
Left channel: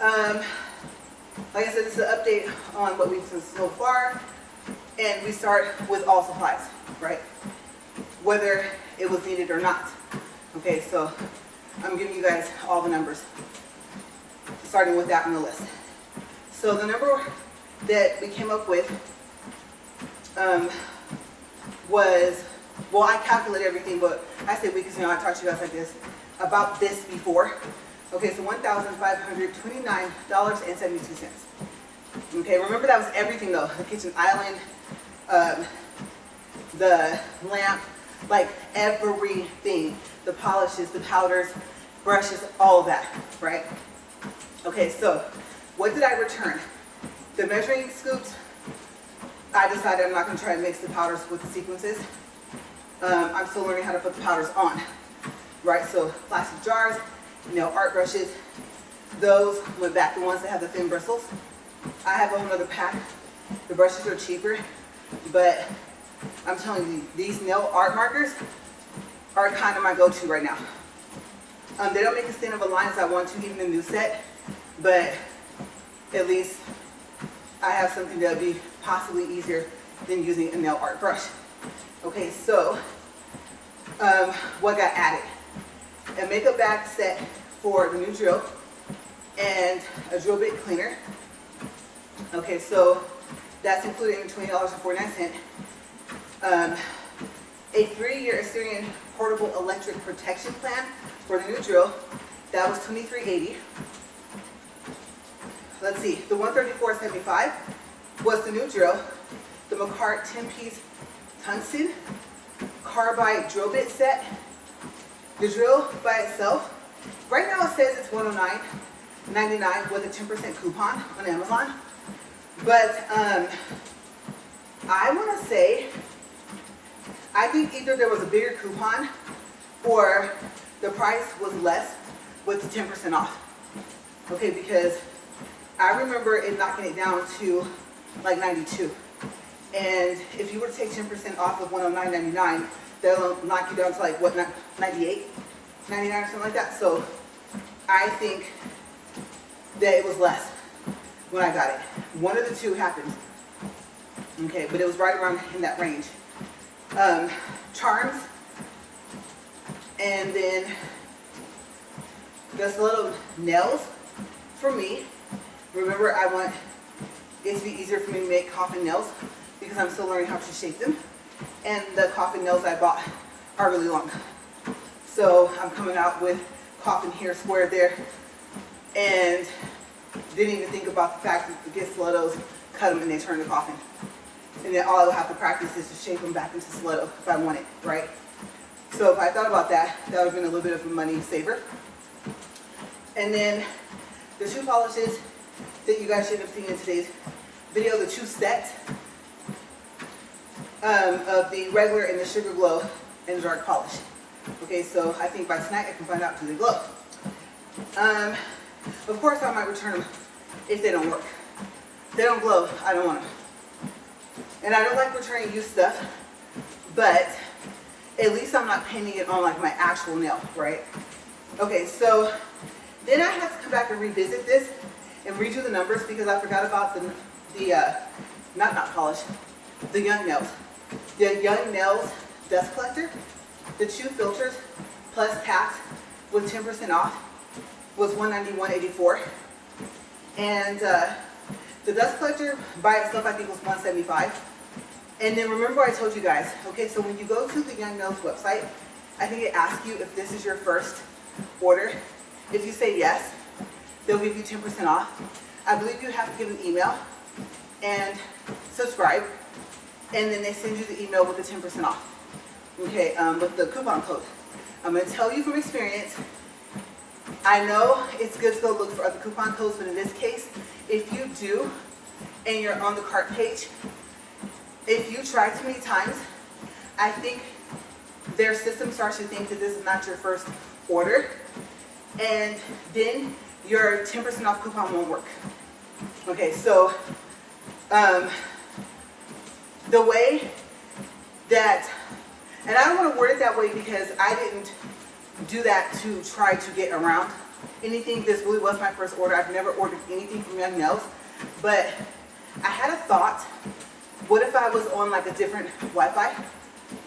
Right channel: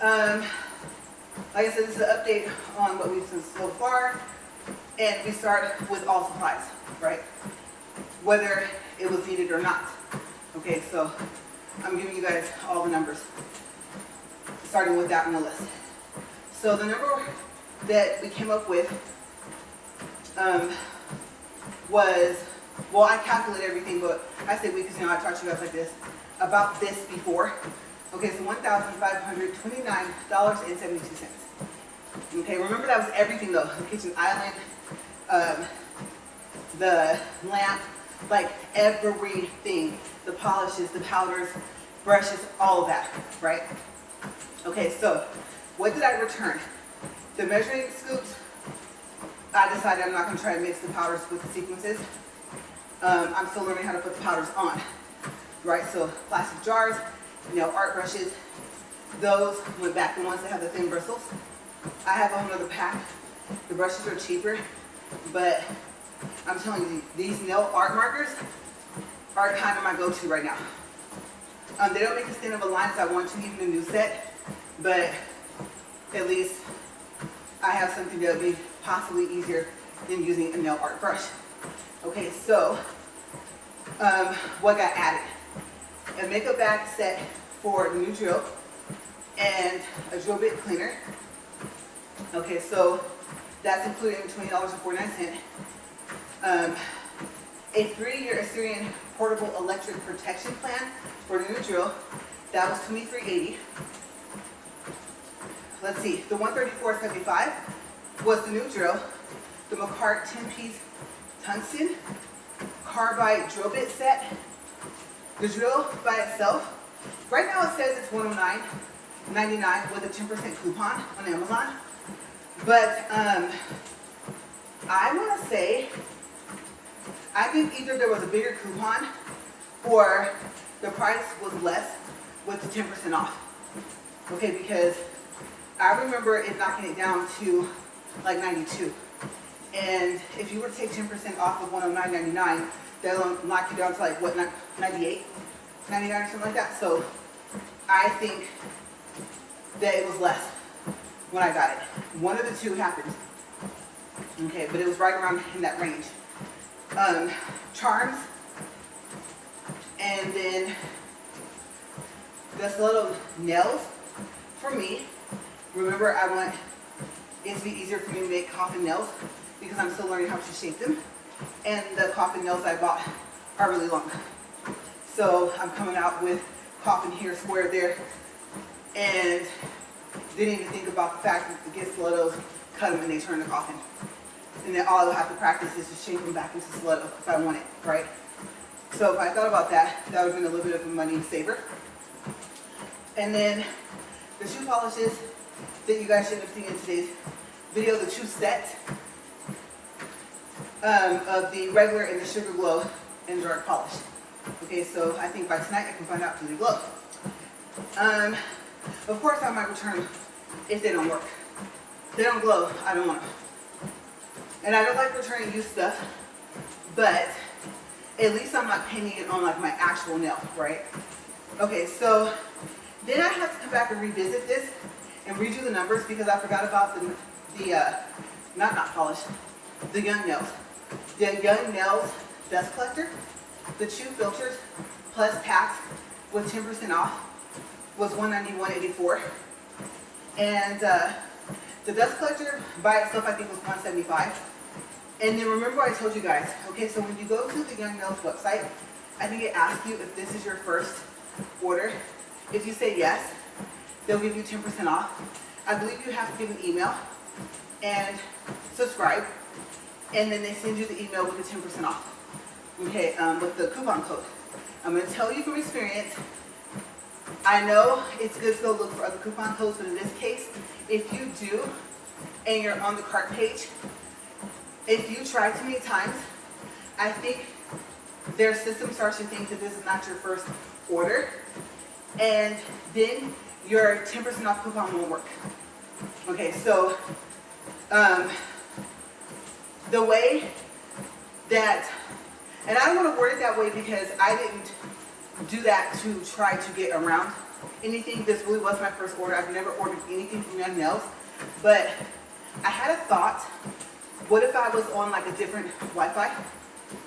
like I said, this is an update on what we've seen so far, and we start with all supplies, right? Whether it was needed or not. Okay, so I'm giving you guys all the numbers, starting with that on the list. So the number that we came up with was, well, I calculated everything, but I say we because, you know, I taught you guys like this, about this before. Okay, so $1,529.72. Okay, remember that was everything though. The kitchen island, the lamp, like everything. The polishes, the powders, brushes, all of that, right? Okay, so what did I return? The measuring scoops. I decided I'm not going to try to mix the powders with the sequences. I'm still learning how to put the powders on, right? So plastic jars, nail art brushes, those went back, the ones that have the thin bristles. I have a whole other pack. The brushes are cheaper, but I'm telling you, these nail art markers are kind of my go-to right now. They don't make as thin of a line as I want to, even the new set, but at least I have something that would be possibly easier than using a nail art brush. Okay, so what got added? A makeup bag set for the new drill and a drill bit cleaner. Okay, so that's including $20.49. A 3-year Assyrian portable electric protection plan for the new drill. That was $23.80. Let's see, the $134.75 was the new drill. The McCart 10-piece tungsten carbide drill bit set. The drill by itself, right now it says it's $109.99 with a 10% coupon on Amazon. But I want to say, I think either there was a bigger coupon or the price was less with the 10% off. Okay, because I remember it knocking it down to like 92. And if you were to take 10% off of $109.99, that'll knock you down to like what, 98, 99 or something like that. So I think that it was less when I got it. One of the two happened. Okay, but it was right around in that range. Charms, and then just little nails for me. Remember, I want it to be easier for me to make coffin nails because I'm still learning how to shape them. And the coffin nails I bought are really long. So I'm coming out with coffin here, square there, and didn't even think about the fact that to get stilettos, cut them and they turn to coffin. And then all I will have to practice is to shape them back into stiletto if I want it, right? So if I thought about that, that would have been a little bit of a money saver. And then the shoe polishes that you guys should have seen in today's video, the two sets of the regular and the Sugar Glow and dark polish. Okay, so I think by tonight I can find out do they glow. Of course I might return them if they don't work. If they don't glow, I don't want them. And I don't like returning used stuff, but at least I'm not painting it on like my actual nail, right? Okay, so then I have to come back and revisit this and redo the numbers because I forgot about the not polish, the Young Nails. The Young Nails dust collector, the 2 filters plus tax with 10% off was $191.84. And the dust collector by itself I think was $175. And then remember I told you guys, okay, so when you go to the Young Nails website, I think it asks you if this is your first order. If you say yes, they'll give you 10% off. I believe you have to give an email and subscribe, and then they send you the email with the 10% off. Okay, with the coupon code. I'm going to tell you from experience, I know it's good to go look for other coupon codes, but in this case, if you do, and you're on the cart page, if you try too many times, I think their system starts to think that this is not your first order, and then your 10% off coupon won't work. Okay, so the way that, and I don't want to word it that way because I didn't do that to try to get around anything. This really was my first order. I've never ordered anything from Young Nails, but I had a thought, what if I was on like a different Wi-Fi?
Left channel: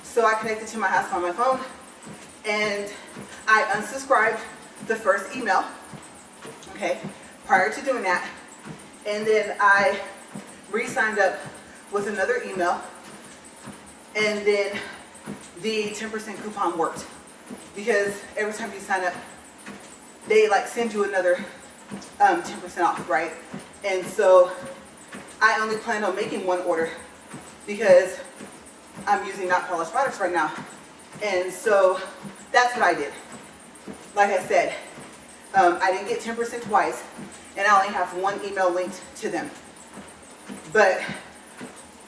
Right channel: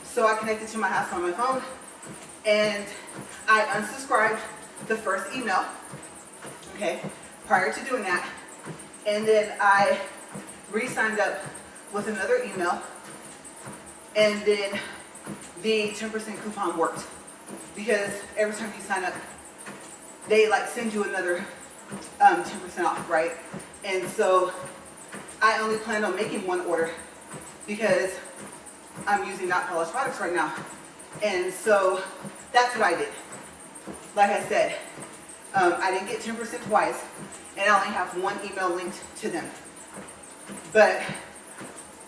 So I connected to my house on my phone, and I unsubscribed the first email, okay, prior to doing that, and then I re-signed up with another email, and then the 10% coupon worked, because every time you sign up, they like send you another 10% off, right? And so I only plan on making one order because I'm using not polished products right now. And so that's what I did. Like I said, I didn't get 10% twice, and I only have one email linked to them. But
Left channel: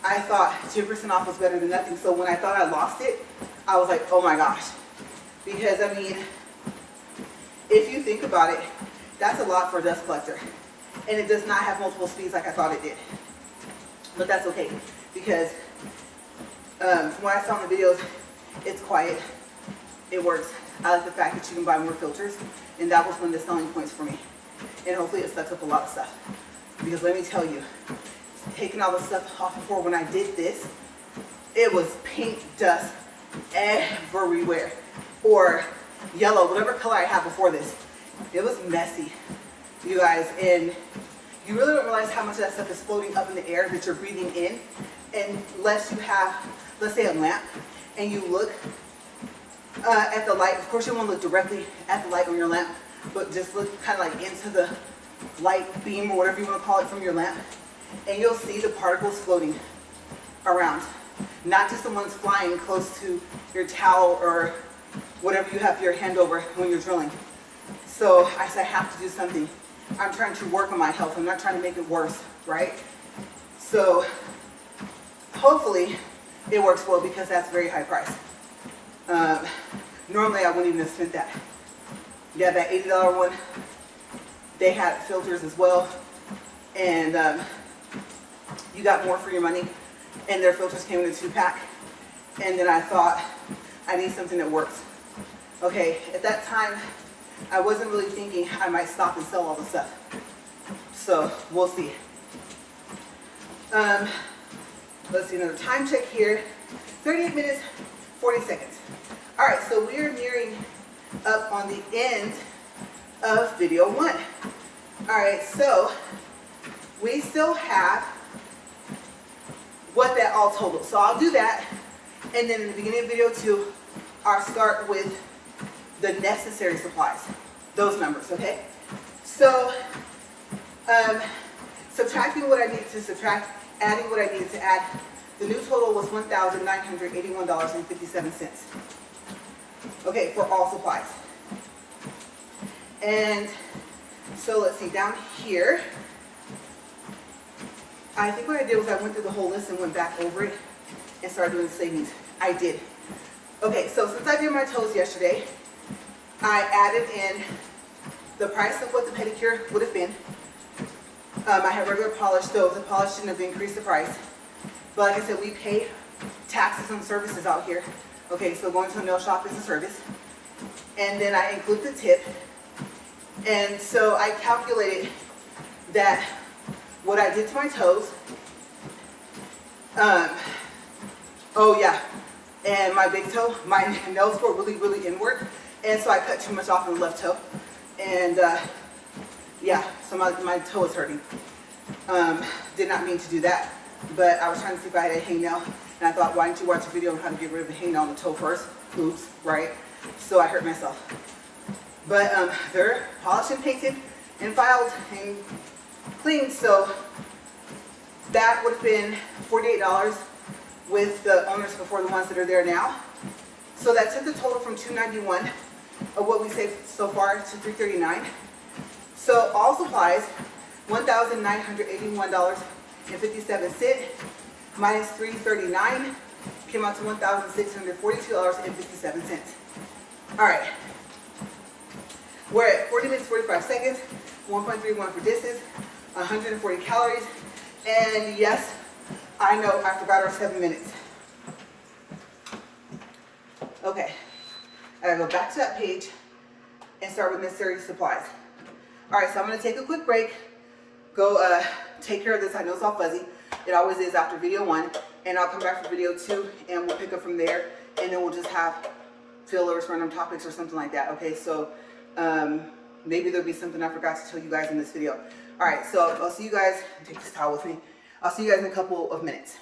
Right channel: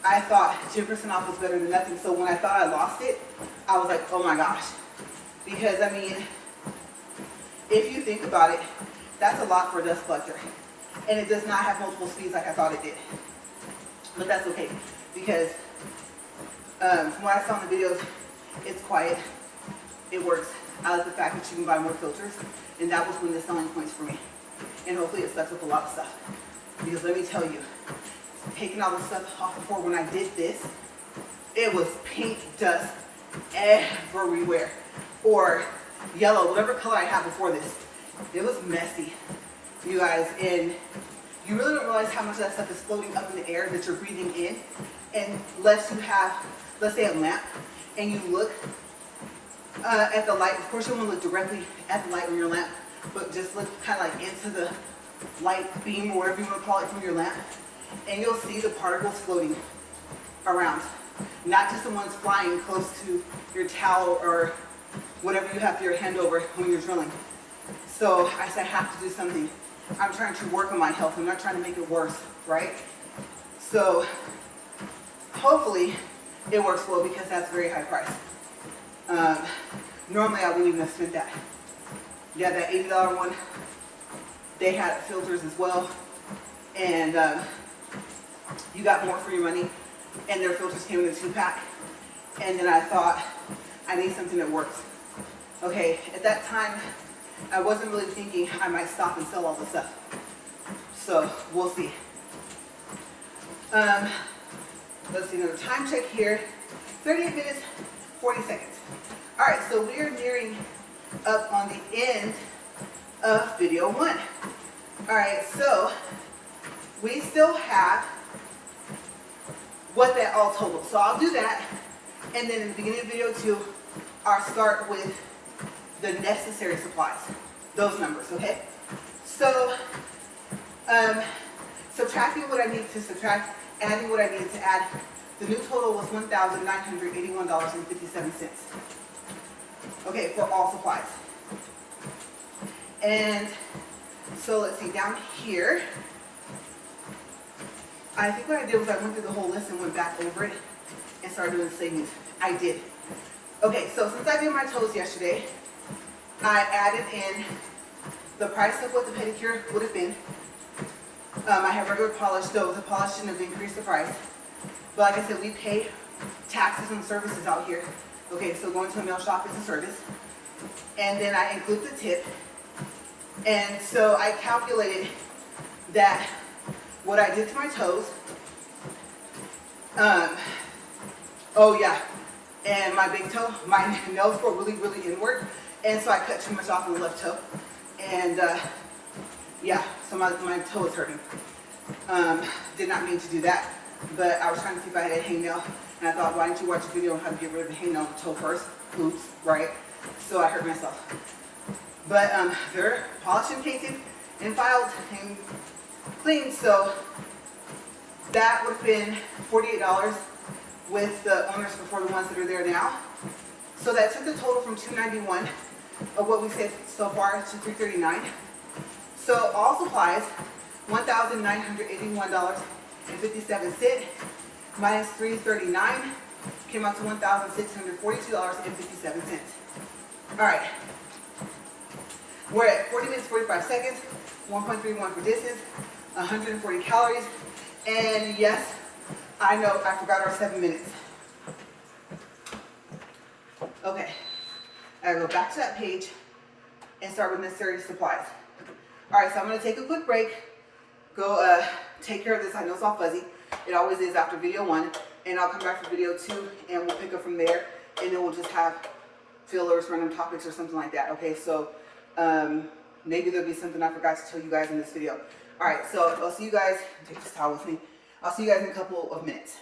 I thought 10% off was better than nothing. So when I thought I lost it, I was like, oh my gosh. Because I mean, if you think about it, that's a lot for a dust collector. And it does not have multiple speeds like I thought it did. But that's okay, because from what I saw in the videos, it's quiet, it works. I like the fact that you can buy more filters, and that was one of the selling points for me. And hopefully it sucks up a lot of stuff. Because let me tell you, taking all the stuff off before when I did this, it was pink dust everywhere. Or yellow, whatever color I had before this. It was messy, you guys. And you really don't realize how much of that stuff is floating up in the air that you're breathing in. Unless you have, let's say, a lamp, and you look at the light. Of course, you want to look directly at the light on your lamp, but just look kind of like into the light beam, or whatever you want to call it, from your lamp, and you'll see the particles floating around. Not just the ones flying close to your towel or whatever you have your hand over when you're drilling. So I said, I have to do something. I'm trying to work on my health. I'm not trying to make it worse, right? So hopefully it works well, because that's a very high price. Normally I wouldn't even have spent that. Yeah, that $80 one, they had filters as well, and you got more for your money, and their filters came in a 2-pack. And then I thought, I need something that works. Okay, at that time, I wasn't really thinking I might stop and sell all the stuff. So we'll see. Let's see, another time check here. 38 minutes, 40 seconds. All right, so we're nearing up on the end of video 1. All right, so we still have what that all totaled. So I'll do that, and then in the beginning of video 2, I'll start with the necessary supplies, those numbers, okay? So subtracting what I needed to subtract, adding what I needed to add, the new total was $1,981.57. Okay, for all supplies. And So let's see, down here, I think what I did was I went through the whole list and went back over it and started doing savings. I did. Okay, so since I did my toes yesterday, I added in the price of what the pedicure would have been. I had regular polish, so the polish shouldn't have increased the price. But like I said, we pay taxes and services out here. Okay, so going to a nail shop is a service. And then I include the tip. And so I calculated that what I did to my toes, oh yeah, and my big toe, my nails were really, really inward. And so I cut too much off on the left toe. And yeah, so my toe is hurting. Did not mean to do that, but I was trying to see if I had a hangnail. And I thought, why didn't you watch a video on how to get rid of the hangnail on the toe first? Oops, right? So I hurt myself. But they're polished and painted and filed and cleaned. So that would have been $48 with the owners before the ones that are there now. So that took the total from $291 of what we saved so far to $339. So all supplies, $1,981.57 minus $339 came out to $1,642.57. All right. We're at 40 minutes, 45 seconds, 1.31 for distance, 140 calories, and yes, I know I forgot our 7 minutes. Okay, I gotta go back to that page and start with necessary supplies. All right, so I'm gonna take a quick break, go take care of this. I know it's all fuzzy. It always is after video 1, and I'll come back for video 2, and we'll pick up from there, and then we'll just have fillers, random topics, or something like that. Okay, so maybe there'll be something I forgot to tell you guys in this video. All right, so I'll see you guys. Take this towel with me. I'll see you guys in a couple of minutes.